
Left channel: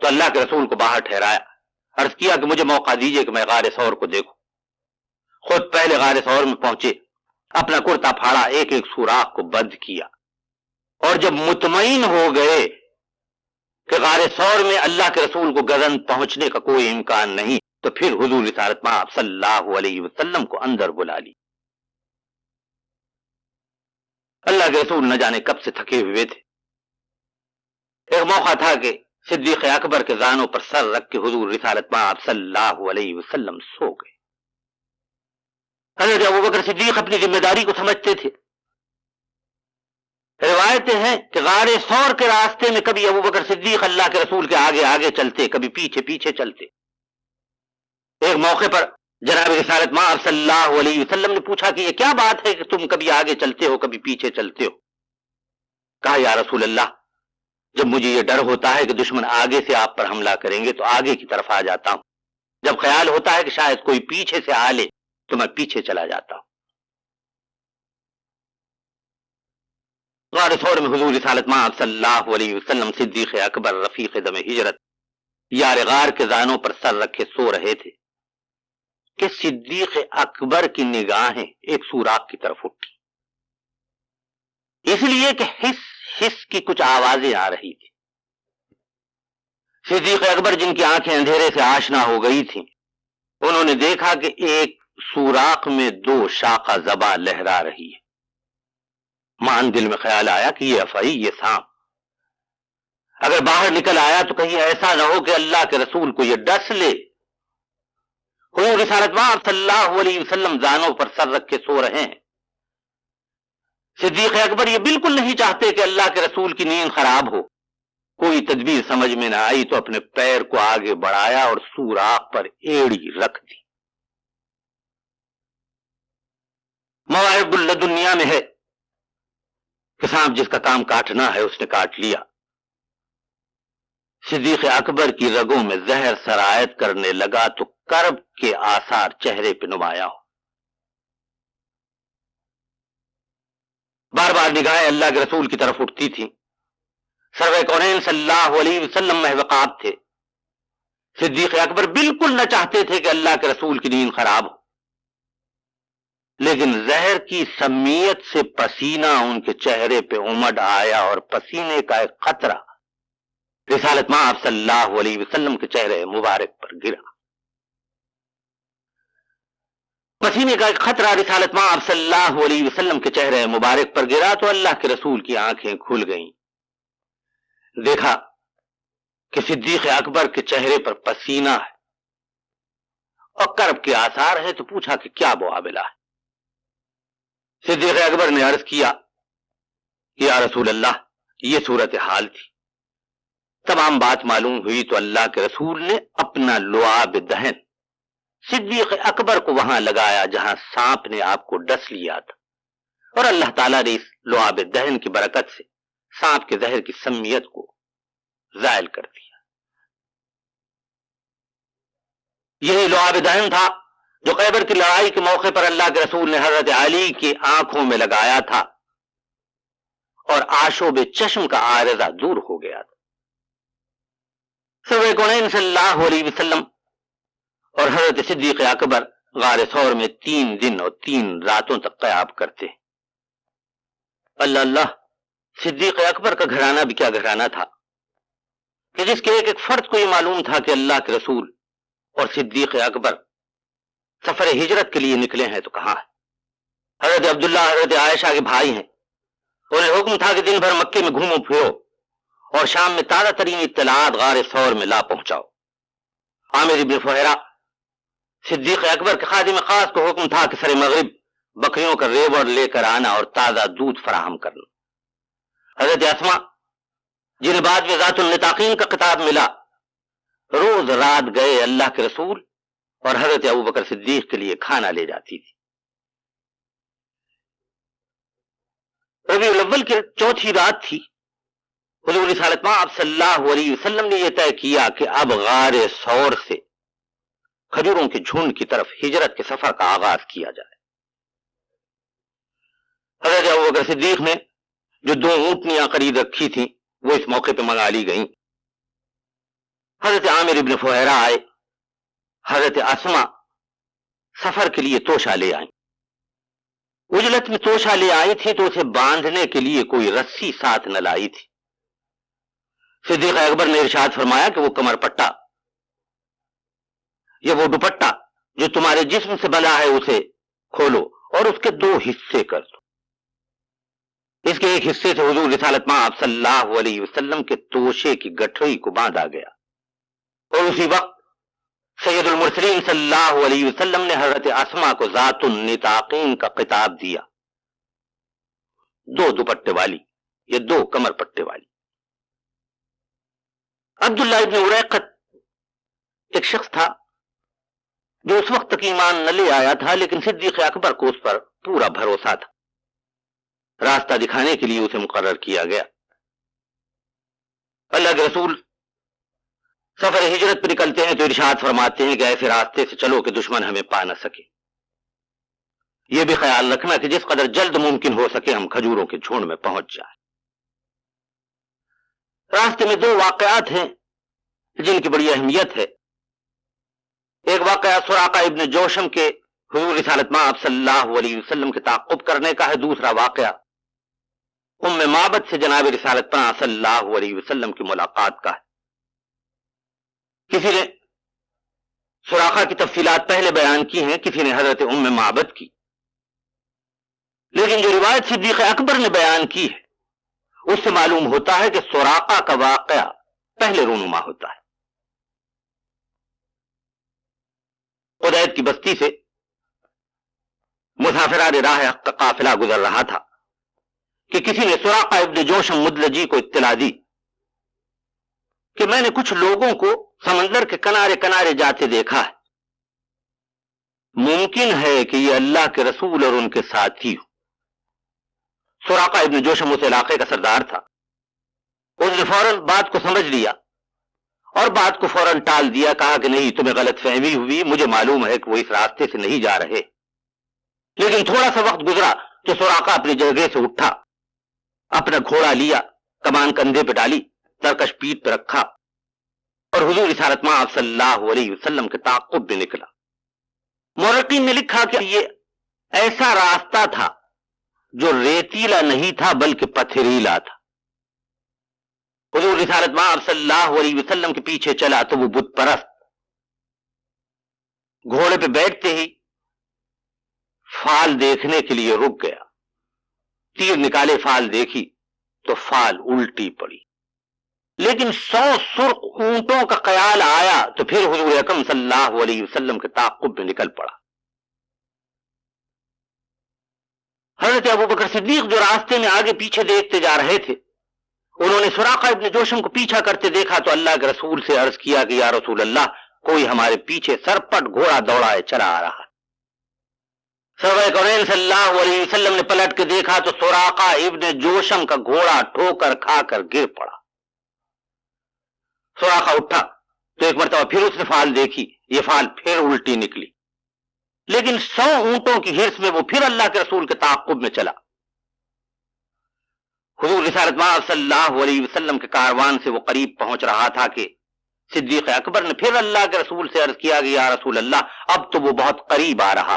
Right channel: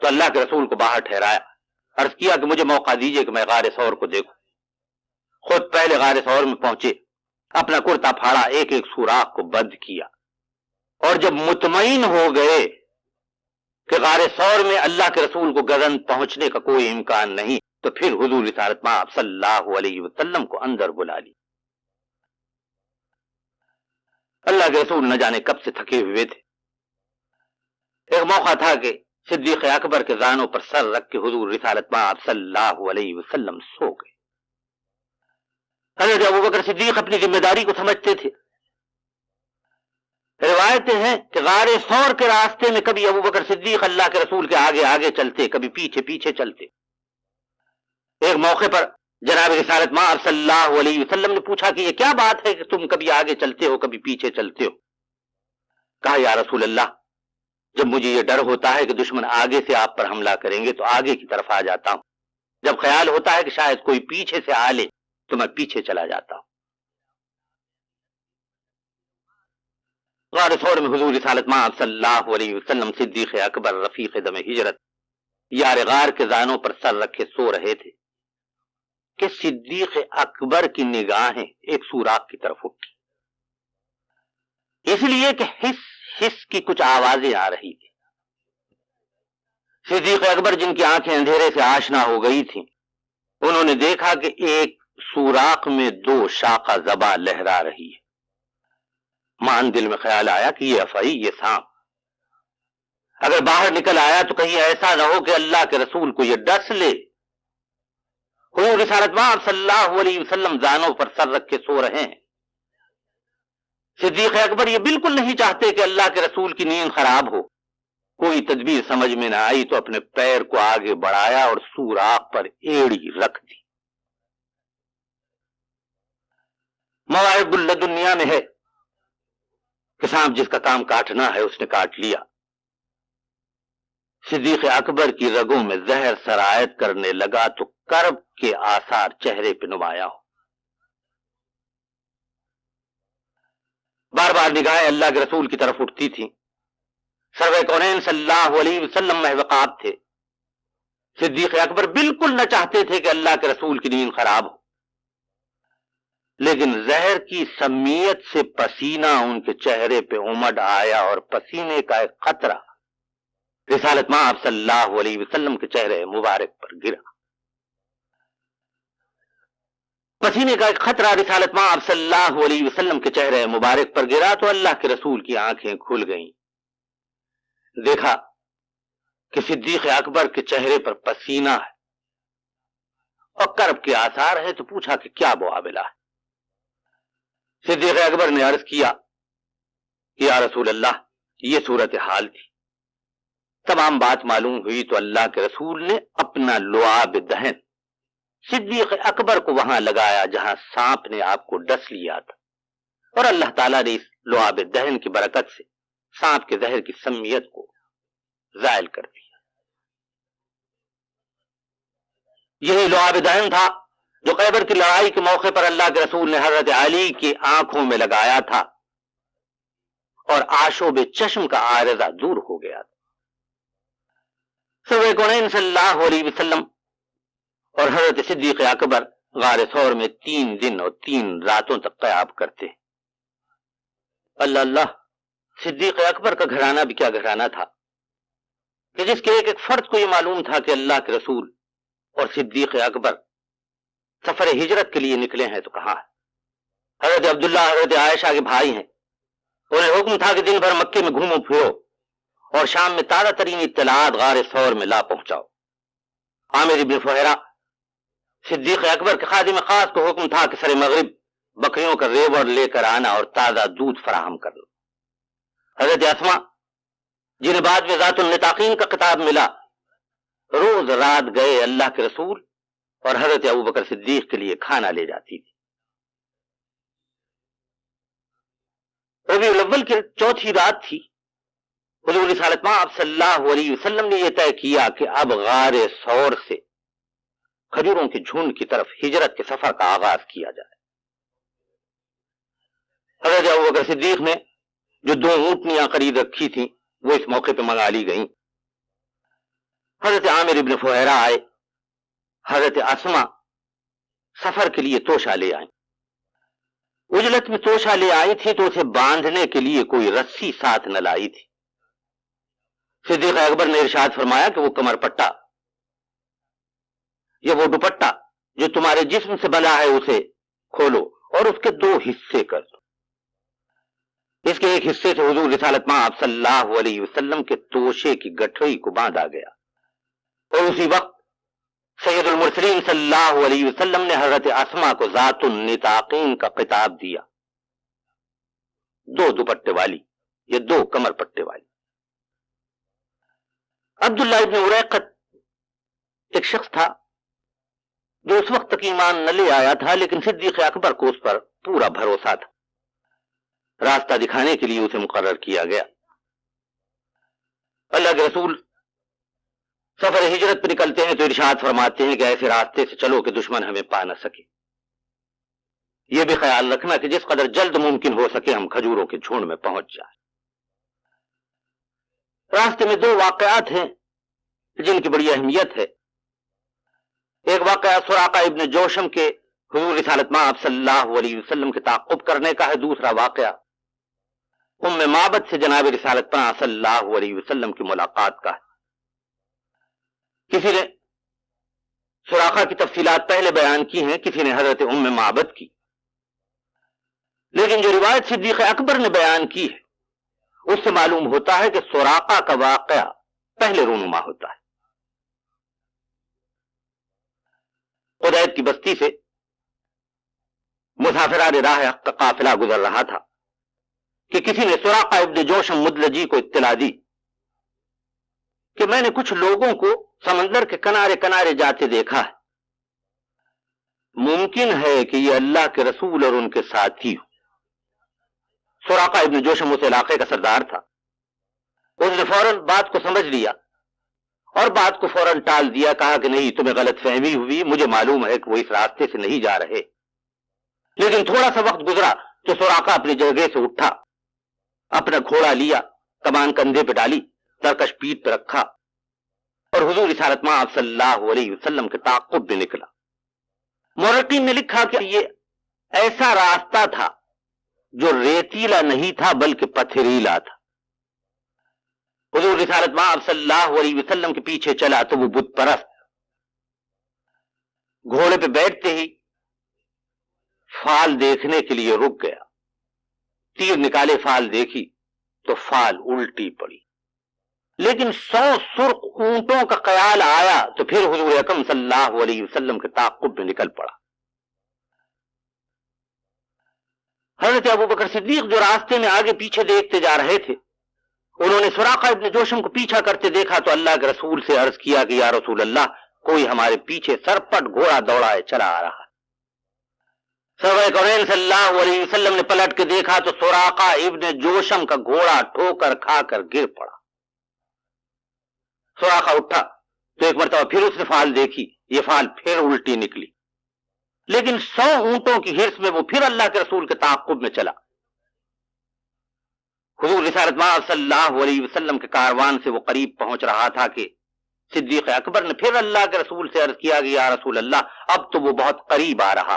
تو اللہ کے رسول کو باہر ٹھہرایا، عرض کیا کہ مجھے موقع دیجئے کہ میں غار ثور کو دیکھوں۔ خود پہلے غار ثور میں پہنچے، اپنا کرتا پھاڑا، ایک ایک سوراخ کو بند کیا، اور جب مطمئن ہو گئے کہ غار ثور میں اللہ کے رسول کو گزن پہنچنے کا کوئی امکان نہیں تو پھر حضور رسالت مآب صلی اللہ علیہ وسلم کو اندر بلا لی۔ اللہ کے رسول نہ جانے کب سے تھکے ہوئے تھے۔ ایک موقع تھا کہ صدیق اکبر کے زانوں پر سر رکھ کے حضور رسالت مآب صلی اللہ علیہ وسلم سو گئے۔ حضرت ابوبکر صدیق اپنی ذمہ داری کو سمجھتے تھے۔ روایتیں ہیں کہ غار ثور کے راستے میں کبھی ابوبکر صدیق اللہ کے رسول کے آگے آگے چلتے، کبھی پیچھے پیچھے چلتے۔ ایک موقع پر جناب رسالت مآب صلی اللہ علیہ وسلم نے پوچھا کہ یہ کیا بات ہے کہ تم کبھی آگے چلتے ہو کبھی پیچھے چلتے ہو؟ کہا یا رسول اللہ، جب مجھے یہ ڈر ہوتا ہے کہ دشمن آگے سے آپ پر حملہ کریں گے تو آگے کی طرف آ جاتا ہوں، جب خیال ہوتا ہے کہ شاید کوئی پیچھے سے آ لے تو میں پیچھے چلا جاتا ہوں۔ غار ثور میں حضور رسالت مآب صلی اللہ علیہ وسلم صدیق اکبر رفیق دم ہجرت یار غار کے زانوں پر سر رکھے سو رہے تھے کہ صدیق اکبر کی نگاہیں ایک سوراخ کی طرف اٹھی، اس لیے کہ حس کی کچھ آوازیں آ رہی تھی۔ صدیق اکبر جن کی آنکھیں اندھیرے سے آشنا ہو گئی تھیں، انہوں نے دیکھا کہ ایک سوراخ میں 2 شاخہ زبا لہرا رہی ہے۔ مان دل میں خیال آیا کہ یہ افعی، یہ سانپ اگر باہر نکل آیا تو کہیں ایسا نہ ہو کہ اللہ کے رسول کو یہ ڈس لے۔ کوئی رسالت صلی اللہ علیہ وسلم زانوں پر سر رکھ کے سو رہے ہیں۔ صدیق اکبر یہ بالکل نہیں چاہتے کہ اللہ کے رسول کی نیند خراب ہو۔ کوئی تدبیر سمجھ میں نہ آئی تو اپنے پیر کو آگے بڑھایا اور سوراخ پر ایڑی رکھ دی۔ مواعظ اللدنیا میں ہے کہ سانپ جس کا کام کاٹنا ہے اس نے کاٹ لیا۔ صدیق اکبر کی رگوں میں زہر سرایت کرنے لگا تو کرب کے آثار چہرے پہ نمایاں ہو۔ بار بار نگاہیں اللہ کے رسول کی طرف اٹھتی تھیں۔ سرور کونین صلی اللہ علیہ وسلم محوقات تھے۔ صدیق اکبر بالکل نہ چاہتے تھے کہ اللہ کے رسول کی نیند خراب ہو، لیکن زہر کی سمیت سے پسینہ ان کے چہرے پہ امڈ آیا اور پسینے کا ایک قطرہ رسالت مآب صلی اللہ علیہ وسلم کے چہرے مبارک پر گرا۔ پسینے کا ایک خطرہ رسالت مآب صلی اللہ علیہ وسلم کے چہرے مبارک پر گرا تو اللہ کے رسول کی آنکھیں کھل گئیں۔ دیکھا کہ صدیق اکبر کے چہرے پر پسینہ ہے اور کرب کے آثار ہے تو پوچھا کہ کیا معاملہ ہے۔ صدیق اکبر نے عرض کیا کہ یا رسول اللہ یہ صورتحال تھی۔ تمام بات معلوم ہوئی تو اللہ کے رسول نے اپنا لعاب دہن صدیق اکبر کو وہاں لگایا جہاں سانپ نے آپ کو ڈس لیا تھا، اور اللہ تعالیٰ نے اس لعاب دہن کی برکت سے سانپ کے زہر کی سمیت کو زائل کر دیا۔ یہی لعاب دہن تھا جو خیبر کی لڑائی کے موقع پر اللہ کے رسول نے حضرت علی کی آنکھوں میں لگایا تھا اور آشوب چشم کا عارضہ دور ہو گیا تھا۔ سرور کونین صلی اللہ علیہ وسلم اور حضرت صدیق اکبر غار ثور میں 3 دن اور 3 راتوں تک قیام کرتے۔ اللہ اللہ، صدیق اکبر کا گھرانہ بھی کیا گھرانہ تھا کہ جس کے ایک ایک فرد کو یہ معلوم تھا کہ اللہ کے رسول اور صدیق اکبر سفر ہجرت کے لیے نکلے ہیں تو کہاں ہے۔ حضرت عبداللہ حضرت عائشہ کے بھائی ہیں، انہیں حکم تھا کہ دن بھر مکے میں گھومو پھرو اور شام میں تازہ ترین اطلاعات غار ثور میں لا پہنچاؤ۔ عامر بن فہرہ صدیق اکبر کے خادم خاص کو حکم تھا کہ سر مغرب بکریوں کا ریوڑ لے کر آنا اور تازہ دودھ فراہم کرنا۔ حضرت اسما جنہیں بعد میں ذات النطاقین کا خطاب ملا، روز رات گئے اللہ کے رسول اور حضرت ابوبکر صدیق کے لیے کھانا لے جاتی تھی۔ ربیع الاول کی 4تھی رات تھی۔ حضور رسالت مآب صلی اللہ علیہ وسلم نے یہ طے کیا کہ اب غار ثور سے کھجوروں کے جھنڈ کی طرف ہجرت کے سفر کا آغاز کیا جائے۔ حضرت ابوبکر صدیق نے جو 2 اونٹنیاں خرید رکھی تھیں وہ اس موقع پہ منگا لی گئیں۔ حضرت عامر ابن فہرہ آئے، حضرت اسما سفر کے لیے توشہ لے آئیں۔ اجلت میں توشہ لے آئی تھی تو اسے باندھنے کے لیے کوئی رسی ساتھ نہ لائی تھی۔ صدیق اکبر نے ارشاد فرمایا کہ وہ کمر پٹا یا وہ دوپٹہ جو تمہارے جسم سے بنا ہے اسے کھولو اور اس کے 2 حصے کر دو۔ اس کے ایک حصے سے حضور رسالت مآب صلی اللہ علیہ وسلم کے توشے کی گٹھڑی کو باندھا گیا، اور اسی وقت سید المرسلین صلی اللہ علیہ وسلم نے حضرت اسما کو ذات النطاقین کا خطاب دیا، 2 دوپٹے والی یا 2 کمر پٹے والی۔ عبداللہ ابن اریقط ایک شخص تھا جو اس وقت تک ایمان نہ لے آیا تھا، لیکن صدیق اکبر کو اس پر پورا بھروسہ تھا۔ راستہ دکھانے کے لیے اسے مقرر کیا گیا۔ اللہ کے رسول سفر ہجرت پہ نکلتے ہیں تو ارشاد فرماتے ہیں کہ ایسے راستے سے چلو کہ دشمن ہمیں پا نہ سکے۔ یہ بھی خیال رکھنا کہ جس قدر جلد ممکن ہو سکے ہم کھجوروں کے جھنڈ میں پہنچ جائیں۔ راستے میں 2 واقعات ہیں جن کی بڑی اہمیت ہے۔ ایک واقعہ سراقہ ابن جوشم کے حضور رسالت مآب صلی اللہ علیہ وسلم کے تعاقب کرنے کا ہے۔ دوسرا واقعہ ام معبد سے جناب رسالت مآب صلی اللہ علیہ وسلم کی ملاقات کا ہے۔ کسی نے سراقہ کی تفصیلات پہلے بیان کی ہیں، کسی نے حضرت ام معبد کی۔ لیکن جو روایت صدیق اکبر نے بیان کی ہے اس سے معلوم ہوتا ہے کہ سراقہ کا واقعہ پہلے رونما ہوتا ہے۔ قدید کی بستی سے مسافران راہ حق کا قافلہ گزر رہا تھا کہ کسی نے سراقہ ابن جوشم مدلجی کو اطلاع دی کہ میں نے کچھ لوگوں کو سمندر کے کنارے کنارے جاتے دیکھا ہے، ممکن ہے کہ یہ اللہ کے رسول اور ان کے ساتھی ہو۔ سراقہ ابن جوشم اس علاقے کا سردار تھا، اس نے فوراً بات کو سمجھ لیا اور بات کو فوراً ٹال دیا، کہا کہ نہیں، تمہیں غلط فہمی ہوئی، مجھے معلوم ہے کہ وہ اس راستے سے نہیں جا رہے۔ لیکن تھوڑا سا وقت گزرا تو سراقہ اپنی جگہ سے اٹھا، اپنا گھوڑا لیا، کمان کندھے پہ ڈالی، ترکش پیٹھ پہ رکھا اور حضور رسالت مآب صلی اللہ علیہ وسلم کے تعاقب میں نکلا۔ مورخین نے لکھا کہ یہ ایسا راستہ تھا جو ریتیلا نہیں تھا بلکہ پتھریلا تھا۔ حضور رسالت مآب صلی اللہ علیہ وسلم کے پیچھے چلا تو وہ بت پرست گھوڑے پہ بیٹھتے ہی فال دیکھنے کے لیے رک گیا، تیر نکالے، فال دیکھی تو فال الٹی پڑی، لیکن 100 سرخ اونٹوں کا خیال آیا تو پھر حضور اکرم صلی اللہ علیہ وسلم کے تعاقب میں نکل پڑا۔ حضرت ابوبکر صدیق جو راستے میں آگے پیچھے دیکھتے جا رہے تھے، انہوں نے سراقہ ابن جوشم کو پیچھا کرتے دیکھا تو اللہ کے رسول سے عرض کیا کہ یا رسول اللہ، کوئی ہمارے پیچھے سرپٹ گھوڑا دوڑائے چلا آ رہا ہے۔ سرور کونین صلی اللہ علیہ وسلم نے پلٹ کے دیکھا تو سراقہ ابن جوشم کا گھوڑا ٹھوکر کھا کر گر پڑا۔ سراقہ اٹھا تو ایک مرتبہ پھر اس نے فال دیکھی، یہ فال پھر الٹی نکلی، لیکن 100 اونٹوں کی ہرس میں وہ پھر اللہ کے رسول کے تعاقب میں چلا۔ حضور رسالت مآب صلی اللہ علیہ وسلم کے کاروان سے وہ قریب پہنچ رہا تھا کہ صدیق اکبر نے پھر اللہ کے رسول سے عرض کیا کہ یا رسول اللہ، اب تو وہ بہت قریب آ رہا۔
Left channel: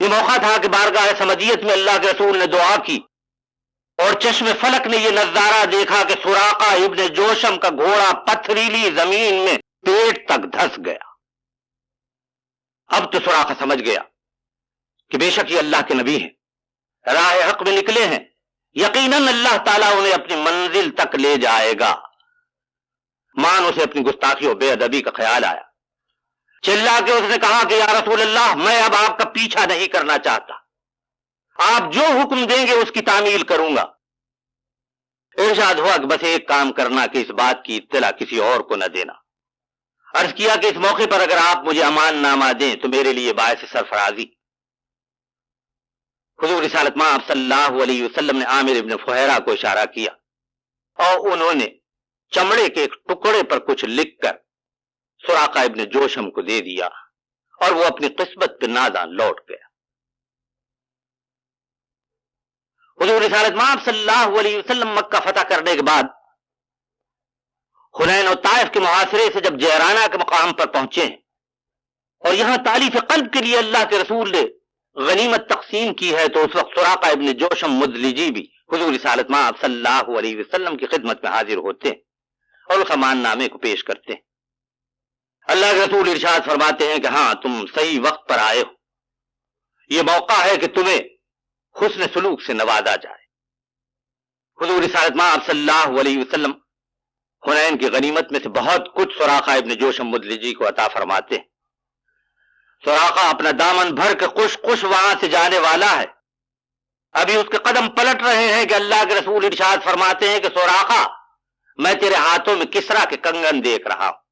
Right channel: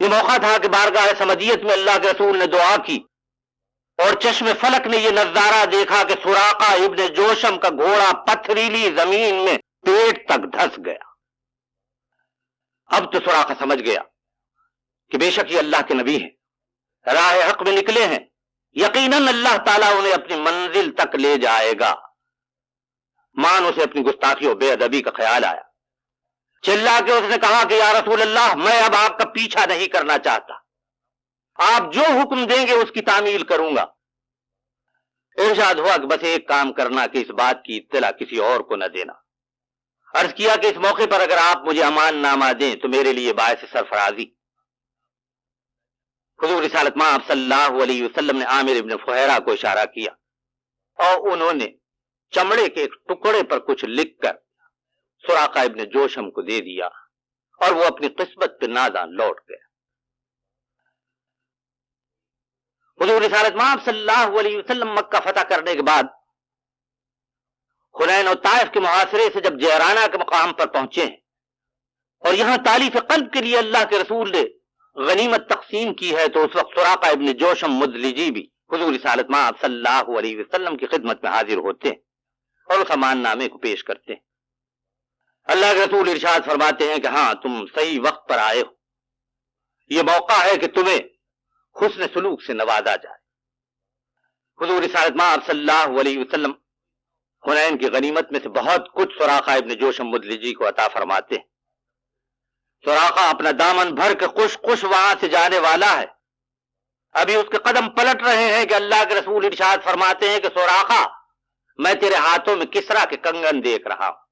یہ موقع تھا کہ بارگاہ سمدیت میں اللہ کے رسول نے دعا کی اور چشم فلک نے یہ نظارہ دیکھا کہ سراقہ ابن جوشم کا گھوڑا پتھریلی زمین میں پیٹ تک دھس گیا۔ اب تو سراقہ سمجھ گیا کہ بے شک یہ اللہ کے نبی ہیں، راہ حق میں نکلے ہیں، یقیناً اللہ تعالیٰ انہیں اپنی منزل تک لے جائے گا۔ مان اسے اپنی گستاخی اور بے ادبی کا خیال آیا، چلا کے اس نے کہا کہ یا رسول اللہ، میں اب آپ کا پیچھا نہیں کرنا چاہتا، آپ جو حکم دیں گے اس کی تعمیل کروں گا۔ ارشاد ہوا کہ بس ایک کام کرنا کہ اس بات کی اطلاع کسی اور کو نہ دینا۔ عرض کیا کہ اس موقع پر اگر آپ مجھے امان نامہ دیں تو میرے لیے باعث سرفرازی۔ حضور رسالت مآب صلی اللہ علیہ وسلم نے عامر ابن فہیرہ کو اشارہ کیا اور انہوں نے چمڑے کے ایک ٹکڑے پر کچھ لکھ کر سراقہ ابن جوشم کو دے دیا اور وہ اپنی قسمت پہ ناداں لوٹ گیا۔ حضور رسالت مآب صلی اللہ علیہ وسلم مکہ فتح کرنے کے بعد حنین اور طائف کے محاصرے سے جب جیرانہ کے مقام پر پہنچے ہیں اور یہاں تالیف قلب کے لیے اللہ کے رسول نے غنیمت تقسیم کی ہے، تو اس وقت سراقہ ابن جوشم مدلجی بھی حضور رسالت مآب صلی اللہ علیہ وسلم کی خدمت میں حاضر ہوتے ہیں اور اس امان نامے کو پیش کرتے ہیں۔ اللہ کے رسول ارشاد فرماتے ہیں کہ ہاں، تم صحیح وقت پر آئے ہو، یہ موقع ہے کہ تمہیں حسن سلوک سے نوازا جائے۔ حضور رسالت مآب صلی اللہ علیہ وسلم حنین کی غنیمت میں سے بہت کچھ سراقہ ابن جوشم مدلجی کو عطا فرماتے ہیں۔ سراقہ اپنا دامن بھر کے خوش وہاں سے جانے والا ہے، ابھی اس کے قدم پلٹ رہے ہیں کہ اللہ کے رسول ارشاد فرماتے ہیں کہ سراقہ، میں تیرے ہاتھوں میں کسرا کے کنگن دیکھ رہا ہوں۔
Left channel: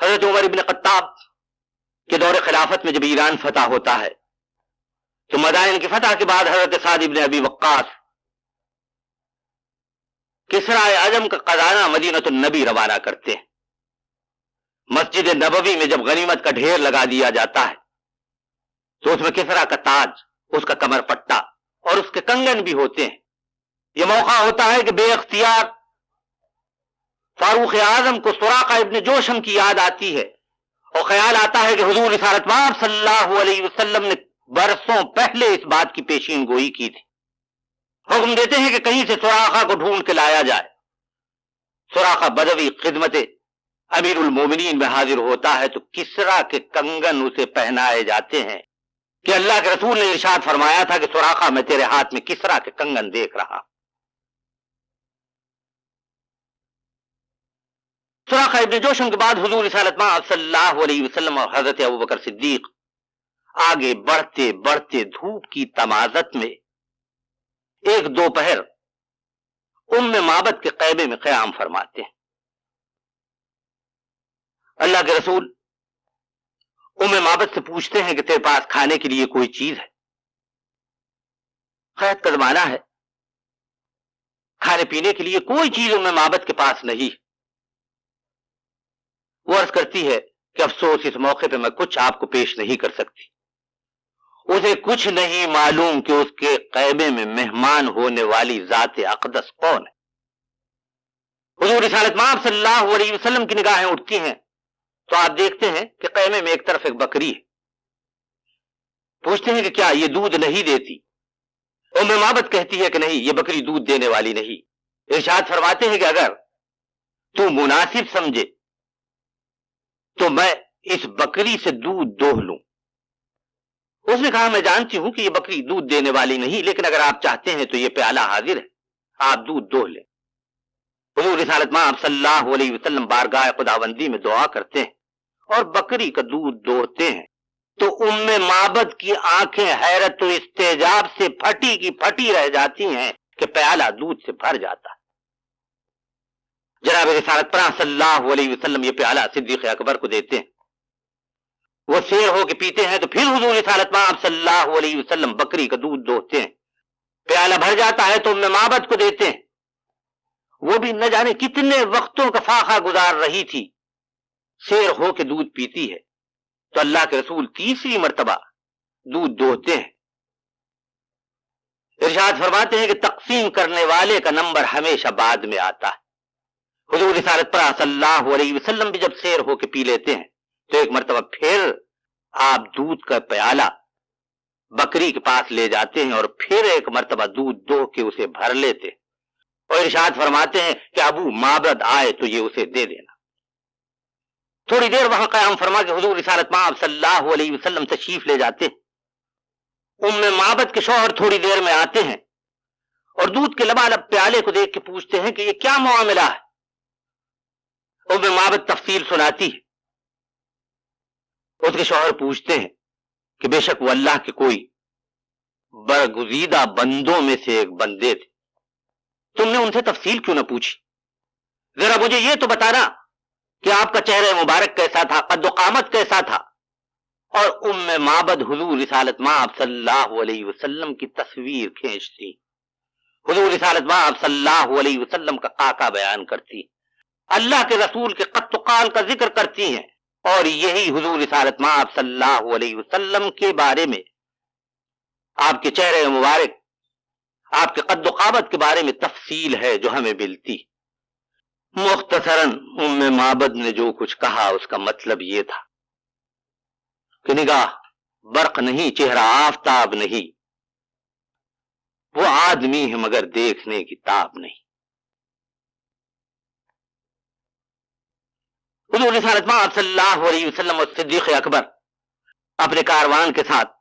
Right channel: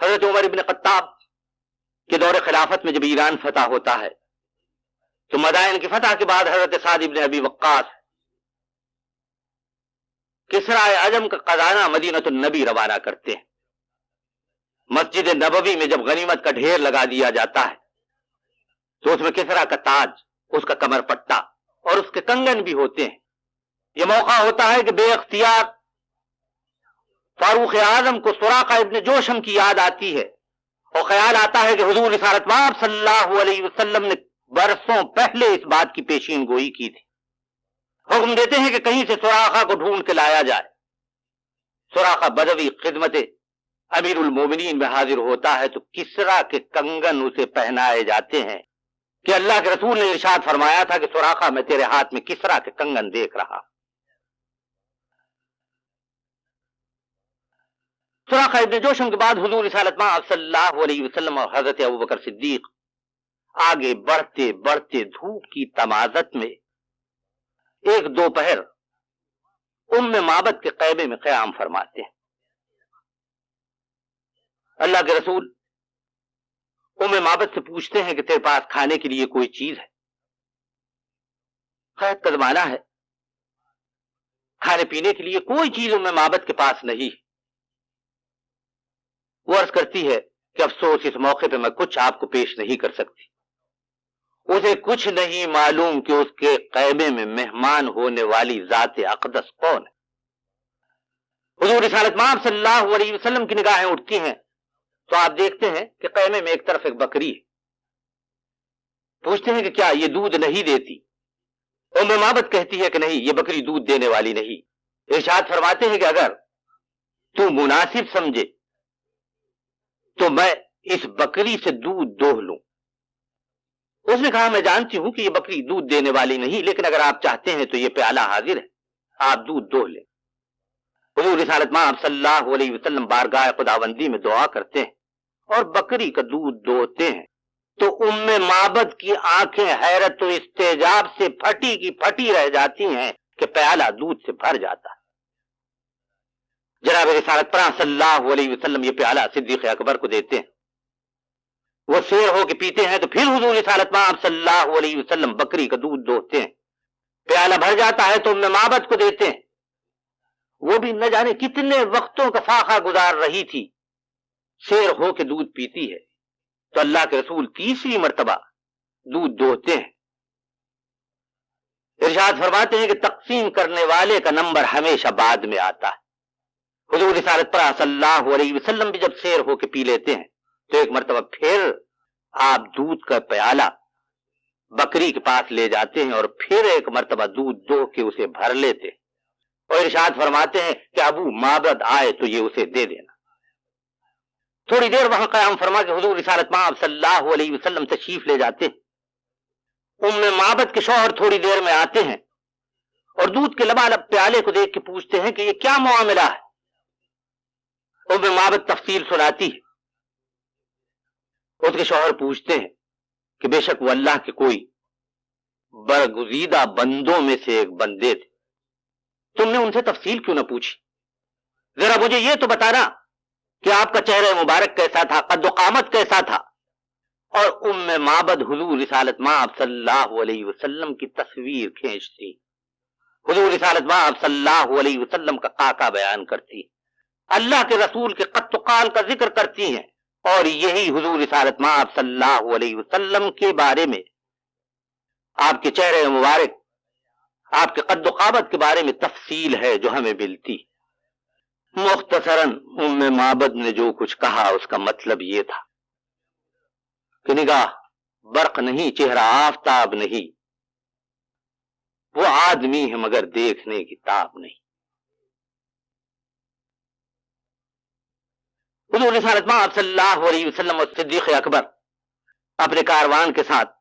حضرت عمر ابن خطاب کے دور خلافت میں جب ایران فتح ہوتا ہے تو مدائن کی فتح کے بعد حضرت سعد ابن ابی وقاص کسرا اعظم کا خزانہ مدینۃ النبی روانہ کرتے ہیں۔ مسجد نبوی میں جب غنیمت کا ڈھیر لگا دیا جاتا ہے تو اس میں کسرا کا تاج، اس کا کمر پٹا اور اس کے کنگن بھی ہوتے ہیں۔ یہ موقع ہوتا ہے کہ بے اختیار فاروق اعظم کو سراقہ ابن جوشم کی یاد آتی ہے اور خیال آتا ہے کہ حضور رسالت مآب صلی اللہ علیہ وسلم نے برسوں پہلے اس بات کی پیشین گوئی کی تھی۔ حکم دیتے ہیں کہ کہیں سے سراقہ کو ڈھونڈ کے لایا جائے۔ سراقہ بدوی خدمت امیر المومنین میں حاضر ہوتا ہے تو کسرا کے کنگن اسے پہنائے جاتے ہیں کہ اللہ کے رسول نے ارشاد فرمایا تھا کہ سراقہ میں تیرے ہاتھ میں کسرا کے کنگن دیکھ رہا. سراقہ ابن جوشم کے بعد حضور رسالت مآب صلی اللہ علیہ وسلم اور حضرت ابوبکر صدیق آگے بڑھتے بڑھتے دھوپ کی تمازت میں ایک دوپہر معبد کے قیبے میں قیام فرماتے ہیں. اللہ کے رسول معبد سے پوچھتے ہیں کہ تیرے پاس کھانے کے لیے کوئی چیز ہے؟ قحط کا زمانہ ہے، کھانے پینے کے لیے کوئی چیز معبد کے پاس نہیں. وہ عرض کرتی ہے کہ افسوس اس موقع پہ میں کچھ آپ کو پیش نہیں کر سکتی. اسے کچھ نہیں معلوم کہ اس کے قیبے میں مہمان ہونے والی ذات اقدس کون ہے. حضور رسالت مآب صلی اللہ علیہ وسلم کی نگاہیں اٹھتی ہیں تو آپ دیکھتے ہیں کہ قیمے میں ایک طرف ایک بکری ہے. پوچھتے ہیں کہ کیا یہ دودھ نہیں دیتی؟ معبد کہتی ہے کہ نہیں، یہ بکری دودھ دینے والی نہیں. ارشاد فرماتے ہیں کہ اگر تو مناسب سمجھے تو میں اس بکری سے دودھ دوہ لوں. اس نے کہا میں جانتی ہوں کہ یہ بکری دودھ دینے والی نہیں، لیکن اگر آپ چاہتے ہیں تو یہ پیالہ حاضر ہے، آپ دودھ دوہ لیں. حضور رسالت مآب صلی اللہ علیہ وسلم بارگاہ خداوندی میں دعا کرتے ہیں اور بکری کا دودھ دوہتے ہیں تو معبد کی آنکھیں حیرت و استعجاب سے پھٹی کی پھٹی رہ جاتی ہیں کہ پیالہ دودھ سے بھر جاتا. جناب رسالت پرا صلی اللہ علیہ وسلم یہ پیالہ صدیق اکبر کو دیتے ہیں. وہ سیر ہو کے پیتے ہیں تو پھر حضور رسالت مآب صلی اللہ علیہ وسلم بکری کا دودھ دوہتے ہیں. پیالہ بھر جاتا ہے تو معبد کو دیتے ہیں. وہ بھی نہ جانے کتنے وقتوں کا فاقہ گزار رہی تھی، سیر ہو کے دودھ پیتی ہے تو اللہ کے رسول تیسری مرتبہ دودھ دوہتے ہیں. ارشاد فرماتے ہیں کہ تقسیم کرنے والے کا نمبر ہمیشہ بعد میں آتا ہے. حضور رسالت پرا صلی اللہ علیہ وسلم بھی جب سیر ہو کے پی لیتے ہیں تو ایک مرتبہ پھر آپ دودھ کا پیالہ بکری کے پاس لے جاتے ہیں اور پھر ایک مرتبہ دودھ دوہ کے اسے بھر لیتے اور ارشاد فرماتے ہیں کہ ابو معبد آئے تو یہ اسے دے دینا. تھوڑی دیر وہاں قیام فرما کے حضور رسالت مآب صلی اللہ علیہ وسلم تشریف لے جاتے. معبد کے شوہر تھوڑی دیر میں آتے ہیں اور دودھ کے لبالب پیالے کو دیکھ کے پوچھتے ہیں کہ یہ کیا معاملہ ہے. معبد تفصیل سناتی ہے. اس کے شوہر پوچھتے ہیں کہ بے شک وہ اللہ کے کوئی برگزیدہ بندوں میں سے ایک بندے تھے، تم نے ان سے تفصیل کیوں نہ پوچھی؟ ذرا مجھے یہ تو بتانا کہ آپ کا چہرہ مبارک کیسا تھا، قد و قامت کیسا تھا. اور معبد حضور رسالت مآب صلی اللہ علیہ وسلم کی تصویر کھینچتی، حضور رسالت مآب صلی اللہ علیہ وسلم کا خاکہ بیان کرتی، اللہ کے رسول کے قد و قال کا ذکر کرتی ہیں. اور یہی حضور رسالت مآب صلی اللہ علیہ وسلم کے بارے میں، آپ کے چہرے مبارک، آپ کے قد و قامت کے بارے میں تفصیل ہے جو ہمیں ملتی. مختصراً معبد نے جو کچھ کہا اس کا مطلب یہ تھا کہ نگاہ برق نہیں، چہرہ آفتاب نہیں، وہ آدمی ہے مگر دیکھنے کی تاب نہیں. حضور رسالت مآب صلی اللہ علیہ وسلم اور صدیق اکبر اپنے کاروان کے ساتھ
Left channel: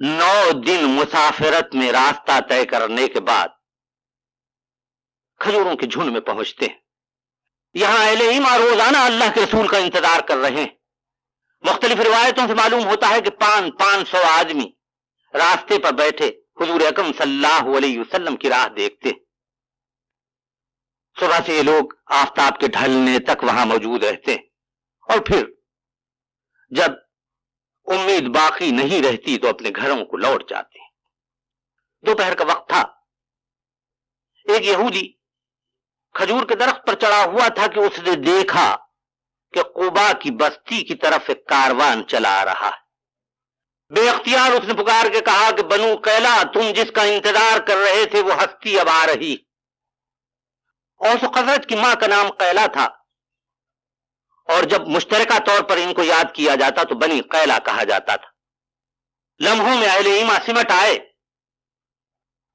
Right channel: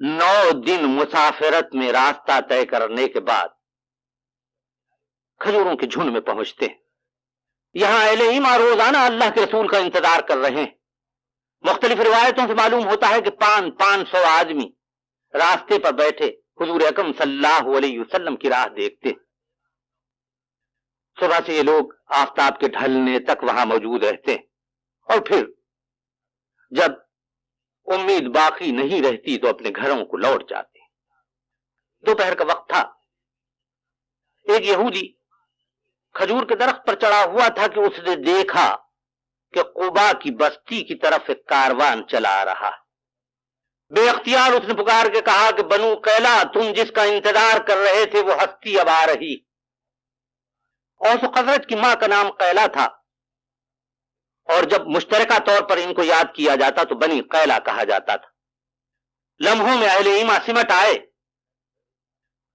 9 دن مسافرت میں راستہ طے کرنے کے بعد کھجوروں کے جھنڈ میں پہنچتے ہیں. یہاں اہل ایمان روزانہ اللہ کے رسول کا انتظار کر رہے ہیں. مختلف روایتوں سے معلوم ہوتا ہے کہ 500 آدمی راستے پر بیٹھے حضور اکرم صلی اللہ علیہ وسلم کی راہ دیکھتے. صبح سے یہ لوگ آفتاب کے ڈھلنے تک وہاں موجود رہتے اور پھر جب امید باقی نہیں رہتی تو اپنے گھروں کو لوٹ جاتے. دوپہر کا وقت تھا. ایک یہودی کھجور کے درخت پر چڑھا ہوا تھا کہ اس نے دیکھا کہ قبا کی بستی کی طرف ایک کاروان چلا رہا ہے. بے اختیار اس نے پکار کے کہا کہ بنو قیلا، تم جس کا انتظار کر رہے تھے وہ ہستی اب آ رہی. اوس و خزرج کی ماں کا نام قیلا تھا اور جب مشترکہ طور پر ان کو یاد کیا جاتا تو بنی قیلا کہا جاتا تھا. لمحوں میں اہل ایما سمٹ آئے،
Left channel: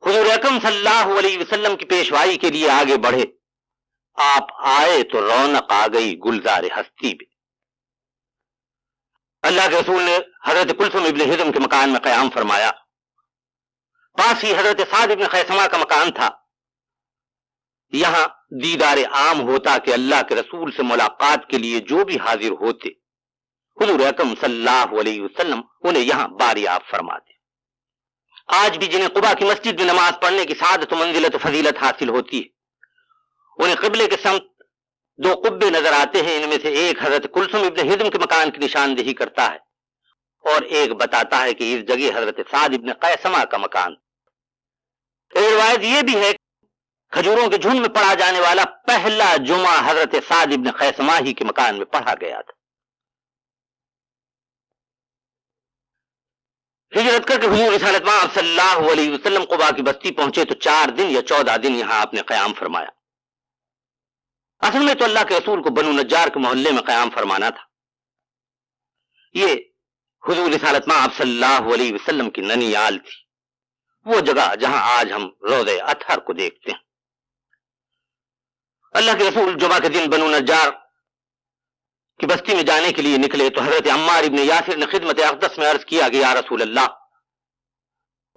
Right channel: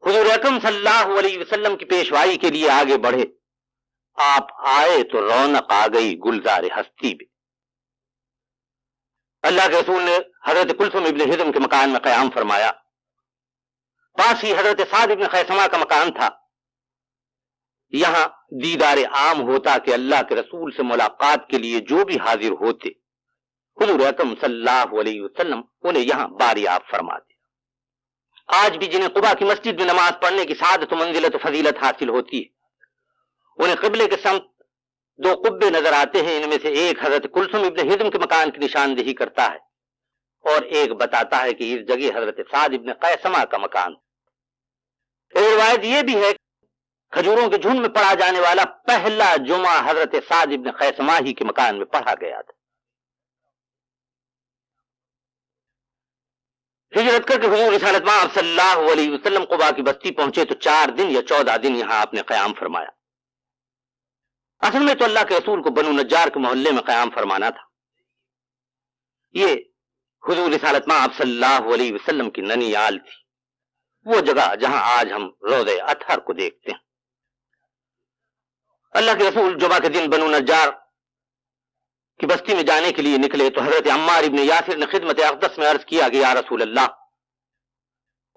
حضور اکرم صلی اللہ علیہ وسلم کی پیشوائی کے لیے آگے بڑھے آپ آئے تو رونق آ گئی گلزار ہستی میں۔ اللہ کے رسول نے حضرت کلثم ابن ہضم کے مکان میں قیام فرمایا، پاس ہی حضرت سعد ابن خیثمہ کا مکان تھا۔ یہاں دیدار عام ہوتا کہ اللہ کے رسول سے ملاقات کے لیے جو بھی حاضر ہوتے حضور اکرم صلی اللہ علیہ وسلم انہیں یہاں باریاب فرماتے۔ آج بھی جنہیں قباء کی مسجد میں نماز پڑھنے کی سعادت و منزلت و فضیلت حاصل ہوتی ہے، انہیں قبلے کے سمت دو قبے نظر آتے ہیں، ان میں سے ایک حضرت کلثم ابن ہضم کے مکان کی نشاندہی کرتا ہے اور ایک بتاتا ہے کہ اس جگہ حضرت سعد ابن قیثمہ کا مکان۔ ایک روایت یہ بھی ہے کھجوروں کے جھنڈ میں پڑھا جانے والا پہلا جمعہ حضرت سعد ابن قیثمہ ہی کے مکان میں پڑھا گیا تھا۔ ہجرت کر کے حضور رسالت مآب صلی اللہ علیہ وسلم قباء کی بستی پہنچے تو 4 دن یا 14 دن یہاں آپ نے قیام فرمایا۔ اصل میں تو اللہ کے رسول کو بنو نجار کے محلے میں قیام فرمانا تھا۔ یہ حضور رسالت مآب صلی اللہ علیہ وسلم کی ننیال تھی، وہ جگہ جہاں آج ہم روضہ اطہر کو دیکھتے ہیں۔ اللہ کے رسول جمعہ کے دن بنو نجار کی بستی میں جانے کے لیے نکلے تو حضرت عمار ابن یاسر نے خدمت اقدس میں عرض کیا کہ یا رسول اللہ،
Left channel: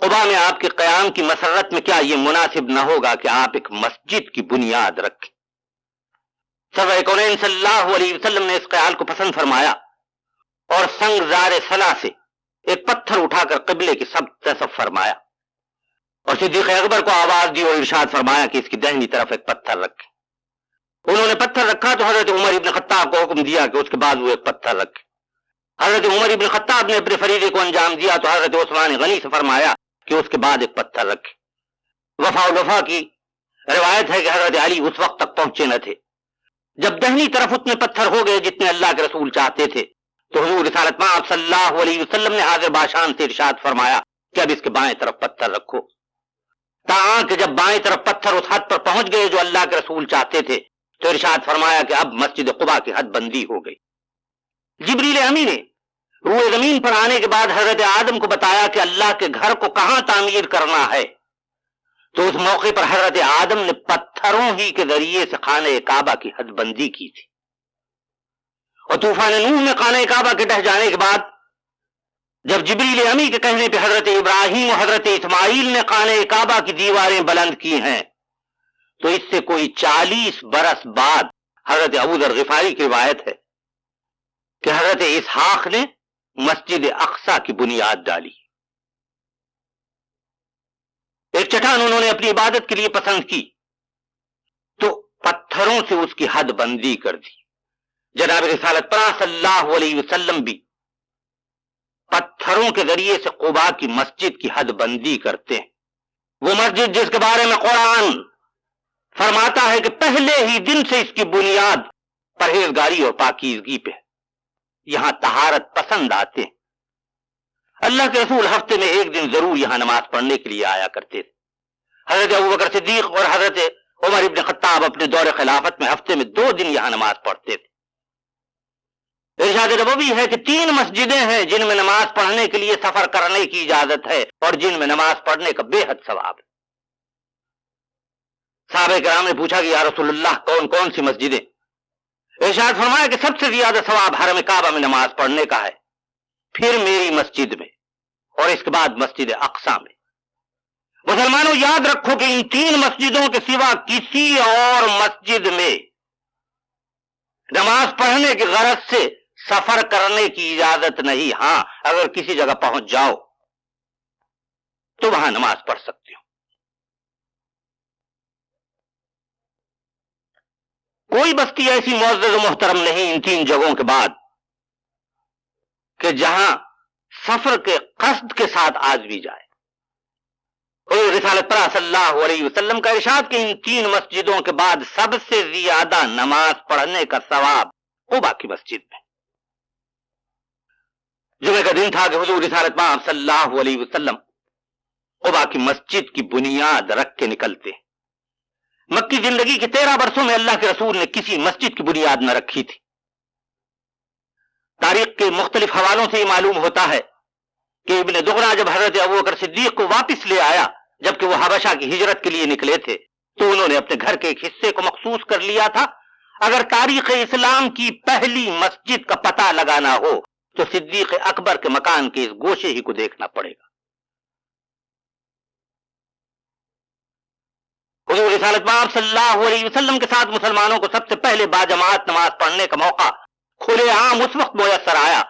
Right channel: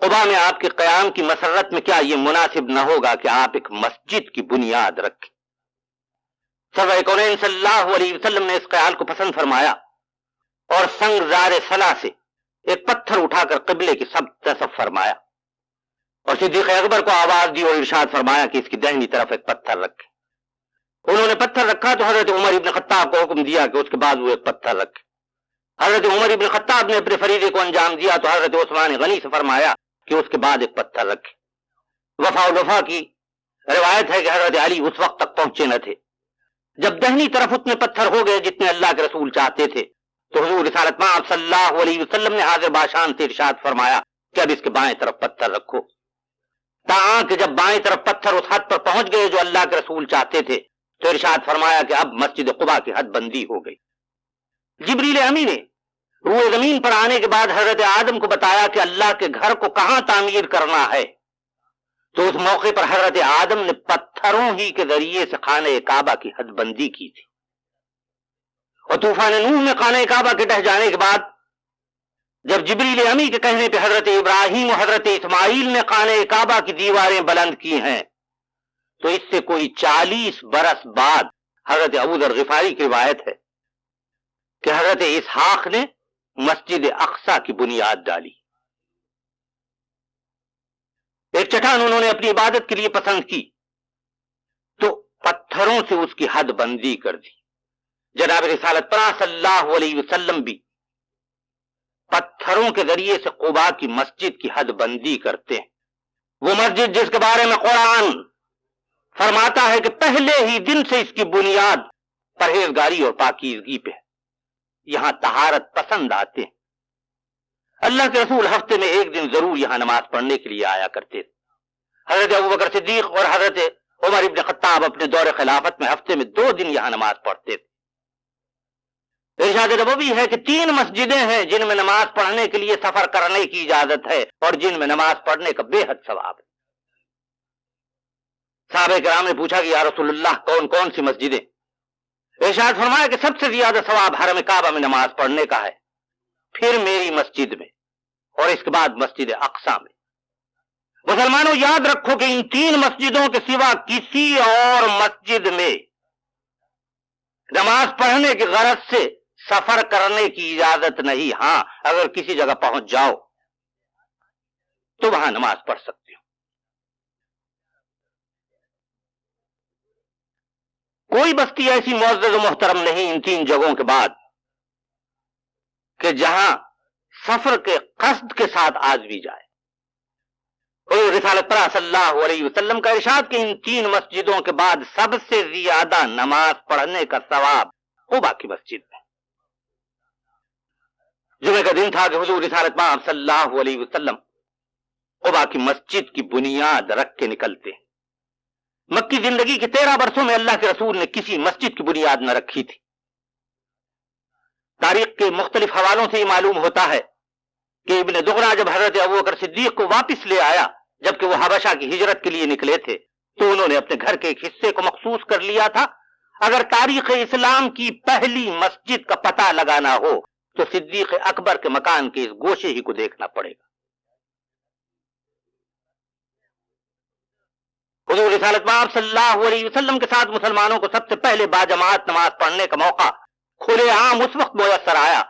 قباء میں آپ کے قیام کی مسرت میں کیا یہ مناسب نہ ہوگا کہ آپ ایک مسجد کی بنیاد رکھیں؟ سرور کونین صلی اللہ علیہ وسلم نے اس خیال کو پسند فرمایا اور سنگ زار صلا سے ایک پتھر اٹھا کر قبلے کی سب طرف فرمایا اور صدیق اکبر کو آواز دی اور ارشاد فرمایا کہ اس کی دہنی طرف ایک پتھر رکھے۔ انہوں نے پتھر رکھا تو حضرت عمر ابن خطاب کو حکم دیا کہ اس کے بعد وہ ایک پتھر رکھے۔ حضرت عمر ابن خطاب نے اپنے فریضے کو انجام دیا تو حضرت عثمان غنی سے فرمایا کہ اس کے بعد ایک پتھر رکھے۔ وفا کی روایت ہے کہ حضرت علی اس وقت تک پہنچے نہ تھے جب دہنی طرف اتنے پتھر ہو گئے جتنے اللہ کے رسول چاہتے تھے، تو حضور رسالت مآب صلی اللہ علیہ وسلم نے حاضر باشان سے ارشاد فرمایا کہ اب اس کے بائیں طرف پتھر رکھو، تاکہ جب بائیں طرف پتھر اس حد پر پہنچ گئے جو اللہ کے رسول چاہتے تھے تو ارشاد فرمایا کہ اب مسجد قباء کی حد بندی ہو گئی۔ جبریل امی نے روئے زمین پر آنے کے بعد حضرت آدم کو بتایا کہ اللہ کے گھر کو کہاں تعمیر کرنا ہے، تو اس موقع پر حضرت آدم نے پتھروں ہی کے ذریعے سے خانہ کعبہ کی حد بندی کی تھی، اور طوفان نوح میں خانہ کعبہ کے ڈہ جانے کے بعد جب جبریل امی کے کہنے پہ حضرت ابراہیم اور حضرت اسماعیل نے خانہ کعبہ کی دیواریں بلند کی ہیں، تو اس سے کوئی 40 برس بعد حضرت ابو ذر غفاری کی روایت ہے کہ حضرت اسحاق نے مسجد اقصی کی بنیاد ڈالی۔ ایک چٹان انہوں نے اپنی عبادت کے لیے پسند کی تو پتھروں سے اس کی حد بندی کر دی۔ جناب رسالت پناہ صلی اللہ علیہ وسلم بھی پتھروں کے ذریعے سے قباء کی مسجد کی حد بندی کرتے ہیں۔ وہ مسجد جس کے بارے میں قرآن فرماتا ہے کہ پہلے ہی دن سے اس کی بنیاد پرہیزگاری اور پاکیزگی پہ ہے، یہاں طہارت پسند آتے ہیں۔ اللہ کے رسول ہفتے میں ایک دن ضرور یہاں نماز پڑھنے کے لیے آیا کرتے تھے۔ حضرت ابوبکر صدیق اور حضرت عمر ابن خطاب اپنے دور خلافت میں ہفتے میں 2 دن یہاں نماز پڑھتے تھے۔ ارشاد نبوی ہے کہ 3 مسجدیں ہیں جن میں نماز پڑھنے کے لیے سفر کرنے کی اجازت ہے اور جن میں نماز پڑھنے کا بے حد ثواب ہے۔ صحابہ کرام نے پوچھا کہ یا رسول اللہ کون کون سی مسجدیں؟ ارشاد فرمایا کہ سب سے زیادہ ثواب حرم کعبہ میں نماز پڑھنے کا ہے، پھر میری مسجد میں، اور اس کے بعد مسجد اقصی میں۔ مسلمانوں یاد رکھو کہ ان 3 مسجدوں کے سوا کسی اور مسجد میں نماز پڑھنے کی غرض سے سفر کرنے کی اجازت نہیں۔ ہاں، اگر کسی جگہ پہنچ جاؤ تو وہاں نماز پڑھ سکتے ہو۔ کوئی بستی ایسی معزز و محترم نہیں ان 3 جگہوں کے بعد کہ جہاں سفر کے قصد کے ساتھ آدمی جائے۔ رسالت پناہ صلی اللہ علیہ وسلم کا ارشاد کہ ان 3 مسجدوں کے بعد سب سے زیادہ نماز پڑھنے کا ثواب قباء کی مسجد میں۔ جمعہ کا دن تھا کہ حضور رسالت پناہ صلی اللہ علیہ وسلم قباء کی مسجد کی بنیاد رکھ کے نکلتے ہیں۔ مکی زندگی کے 13 برسوں میں اللہ کے رسول نے کسی مسجد کی بنیاد نہ رکھی تھی۔ تاریخ کے مختلف حوالوں سے یہ معلوم ہوتا ہے کہ ابن دغنا جب حضرت ابوبکر صدیق کو واپس لے آیا جبکہ وہ حبشہ کی ہجرت کے لیے نکلے تھے تو انہوں نے اپنے گھر کے ایک حصے کو مخصوص کر لیا تھا۔ اگر تاریخ اسلام کی پہلی مسجد کا پتہ لگانا ہو تو صدیق اکبر کے مکان کے اس گوشے ہی کو دیکھنا پڑے گا۔ حضور رسالت پاک صلی اللہ علیہ وسلم کے ساتھ مسلمانوں کو سب سے پہلے باجماعت نماز پڑھنے کا موقع کھلے عام اس وقت میسر آیا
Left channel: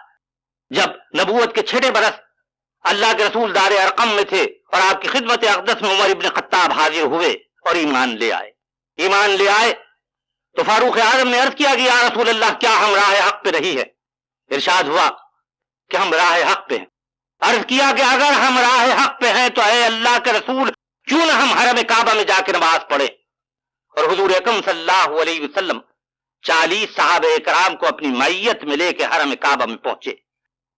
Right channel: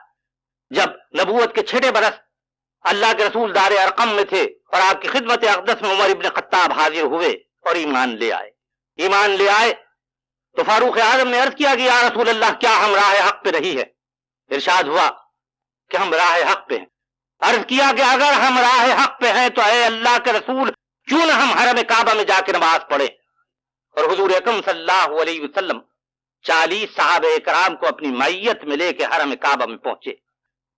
جب نبوت کے 6 برس اللہ کے رسول دار ارقم میں تھے اور آپ کی خدمت اقدس میں عمر ابن خطاب حاضر ہوئے اور ایمان لے آئے۔ ایمان لے آئے تو فاروق اعظم نے عرض کیا کہ یا رسول اللہ کیا ہم راہ حق پہ نہیں ہے؟ ارشاد ہوا کہ ہم راہ حق پہ ہیں۔ عرض کیا کہ اگر ہم راہ حق پہ ہیں تو اے اللہ کے رسول کیوں نہ ہم حرم کعبہ میں جا کے نماز پڑھیں؟ اور حضور اکرم صلی اللہ علیہ وسلم 40 صحابہ کرام کو اپنی معیت میں لے کے حرم کعبہ میں پہنچے۔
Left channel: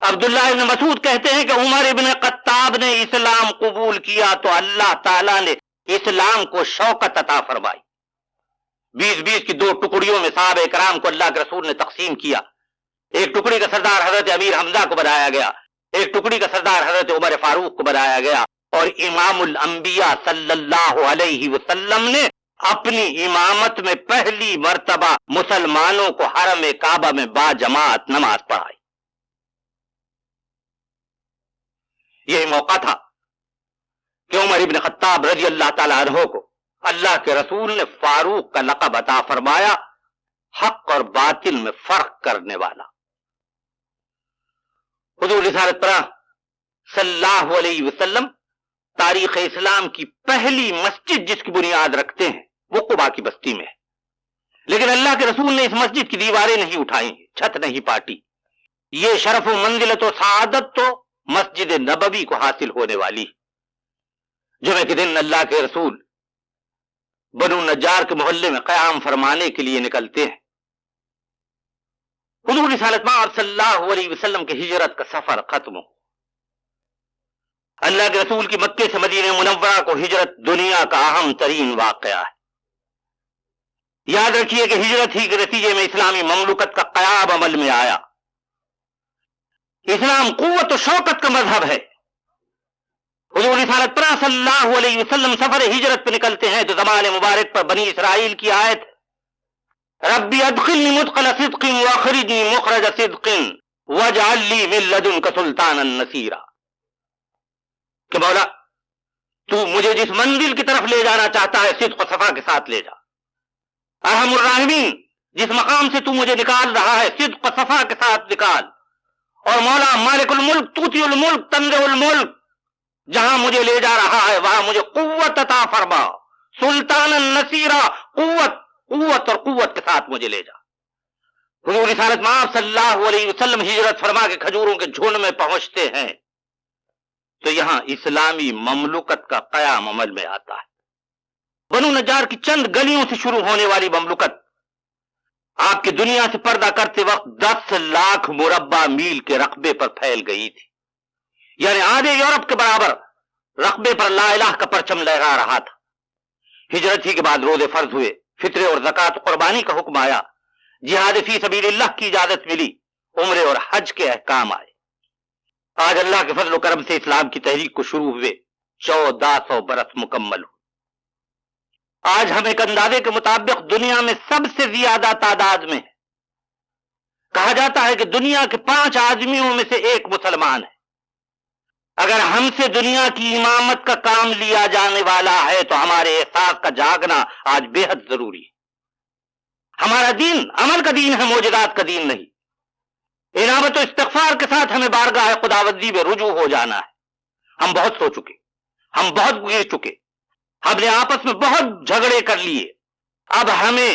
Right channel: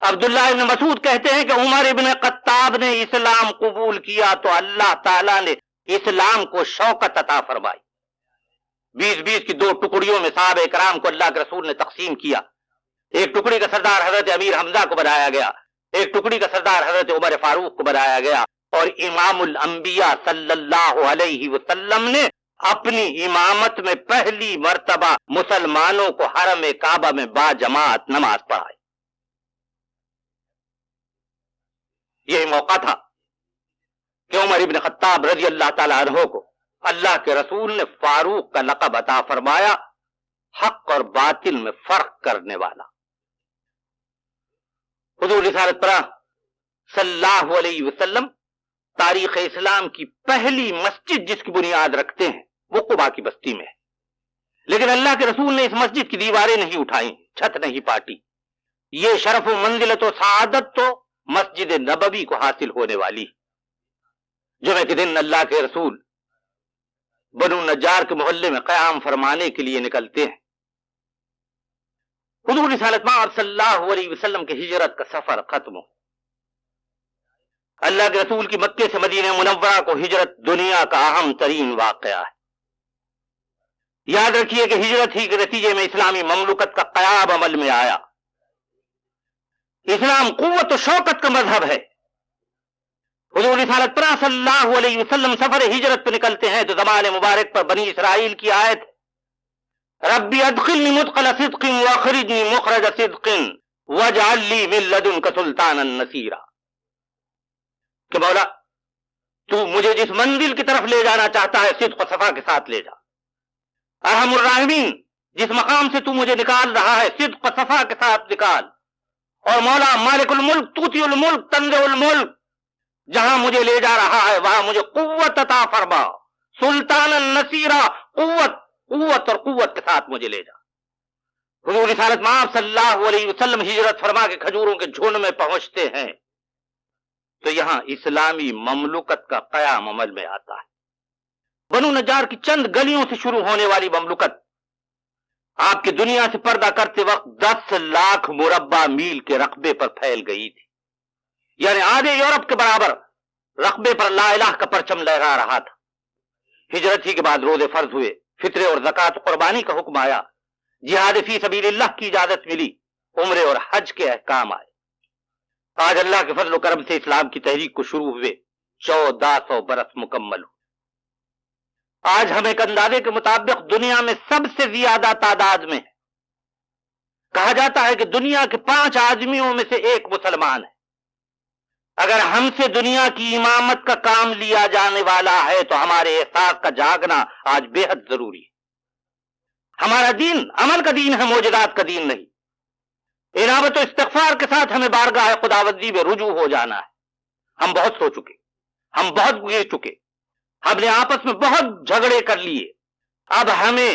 عبداللہ ابن مسعود کہتے ہیں کہ عمر ابن خطاب نے اسلام قبول کیا تو اللہ تعالیٰ نے اسلام کو شوکت عطا فرمائی۔ 20 کی 2 ٹکڑیوں میں صحابہ کرام کو اللہ کے رسول نے تقسیم کیا۔ ایک ٹکڑی کا سردار حضرت امیر حمزہ کو بنایا گیا، ایک ٹکڑی کا سردار حضرت عمر فاروق کو بنایا گیا، اور امام الانبیاء صلی اللہ علیہ وسلم نے اپنی امامت میں پہلی مرتبہ مسلمانوں کو حرم کعبہ میں باجماعت نماز پڑھائی۔ یہ موقع تھا کہ عمر ابن خطاب رضی اللہ تعالی عنہ کو اللہ کے رسول نے فاروق کا لقب عطا فرمایا، حق اور باطل میں فرق کرنے والا۔ حضور رسالت پاک صلی اللہ علیہ وسلم تاریخ اسلام کی پہلی مسجد جس کی بنیاد رکھتے ہیں وہ قباء کی بستی میں ہے، لیکن اللہ کے رسول نے اس مسجد کی دیواریں نہیں اٹھائی، چھت نہیں پاٹی۔ یہ شرف و منزلت و سعادت تو مسجد نبوی کو حاصل ہونے والی۔ جمعہ کے دن اللہ کے رسول بنو نجار کے محلے میں قیام فرمانے کے لیے نکلتے ہیں۔ حضور رسالت پاک صلی اللہ علیہ وسلم کی ہجرت کا سفر ختم ہو۔ اللہ کے رسول کی مکے سے مدینہ منورہ کو ہجرت دنیا کا اہم ترین واقعہ ہے۔ یاد رکھیے کہ ہجرت ہی کے نتیجے میں اسلامی مملکت کا قیام عمل میں آیا۔ اسلام قوت و شوکت کا مذہب ہے۔ حضور رسالت پاک صلی اللہ علیہ وسلم سفر ہجرت پہ نکلتے ہیں تو زمان مبارک پر بنی اسرائیل کی آیت ربی ادخلنی مدخل صدق واخرجنی مخرج صدق واجعل لی من لدنک سلطانا نصیرا، کہ مولا تو مجھے جس منزل کی طرف لے جانا چاہتا ہے صدق و صفا کے ساتھ لے جا۔ ارحم الراحمین جس مقام سے تو مجھے نکال رہا ہے صدق و صفا کے ساتھ نکال۔ اور مولا مالک الملک توتی الملک تنزع الملک جہاں مجھے لے جا رہا ہے وہاں مجھے قوت عطا فرما، سلطانا نصیرا، قوت اور قوت کے ساتھ مجھے لے جا۔ حضور رسالت پاک صلی اللہ علیہ وسلم ہجرت فرما کے کھجوروں کے جھنڈ میں پہنچتے ہیں تو یہاں اسلامی مملکت کا قیام عمل میں آتا ہے۔ بنو نجار کی چند گلیوں سے شروع ہونے والی مملکت آپ کی دنیا سے پردہ کرتے وقت 10 لاکھ مربع میل کے رقبے پر پھیل گئی تھی، یعنی آدھے یورپ کے برابر رقبے پر لا الہ کا پرچم لہرا رہا تھا۔ ہجرت ہی کے بعد روزے فرض ہوئے، فطرے اور زکوٰۃ قربانی کا حکم آیا، جہاد فی سبیل اللہ کی اجازت ملی، عمرے اور حج کے احکام آئے۔ آج اللہ کے فضل و کرم سے اسلام کی تحریک کو شروع ہوئے 1400 برس مکمل ہو۔ آج ہم ایک اندازے کے مطابق دنیا میں سب سے زیادہ تعداد میں ہے۔ کہا جاتا ہے کہ دنیا کے 5 آدمیوں میں سے ایک مسلمان ہے۔ اگر ہم سے دنیا کی امامت کا کام لیا جانے والا ہے تو ہمارے احساس کا جاگنا آج بے حد ضروری ہے۔ ہمارا دین عمل کا دین ہے، معجزات کا دین نہیں۔ انابت و استغفار کے ساتھ ہمیں بارگاہ خداوندی میں رجوع ہو جانا ہے۔ ہم بہت سو چکے، ہم بہت گر چکے، ہم نے آپس میں بہت جھگڑے کر لیے۔ اب ہمیں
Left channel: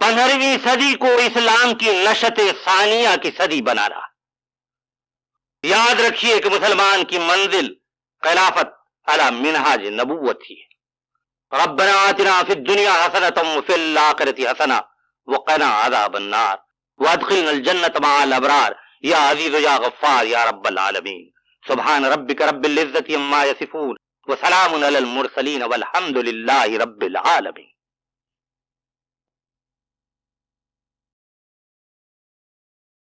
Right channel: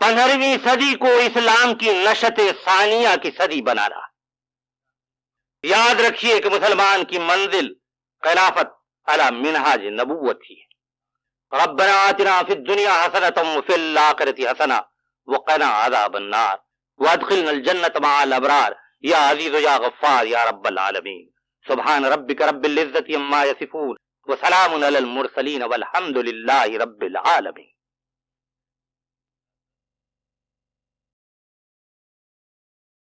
15ویں صدی کو اسلام کی نشت ثانیہ کی صدی بنا رہا۔ یاد رکھیے کہ مسلمان کی منزل خلافت علی منہاج نبوت ہی ہے۔ ربنا آتنا فی الدنیا حسنۃ وفی الآخرۃ حسنۃ وقنا عذاب النار وادخلنا الجنۃ مع الابرار یا عزیز یا غفار یا رب العالمین۔ سبحان ربک رب العزۃ عما یصفون وسلام علی المرسلین والحمد للہ رب العالمین۔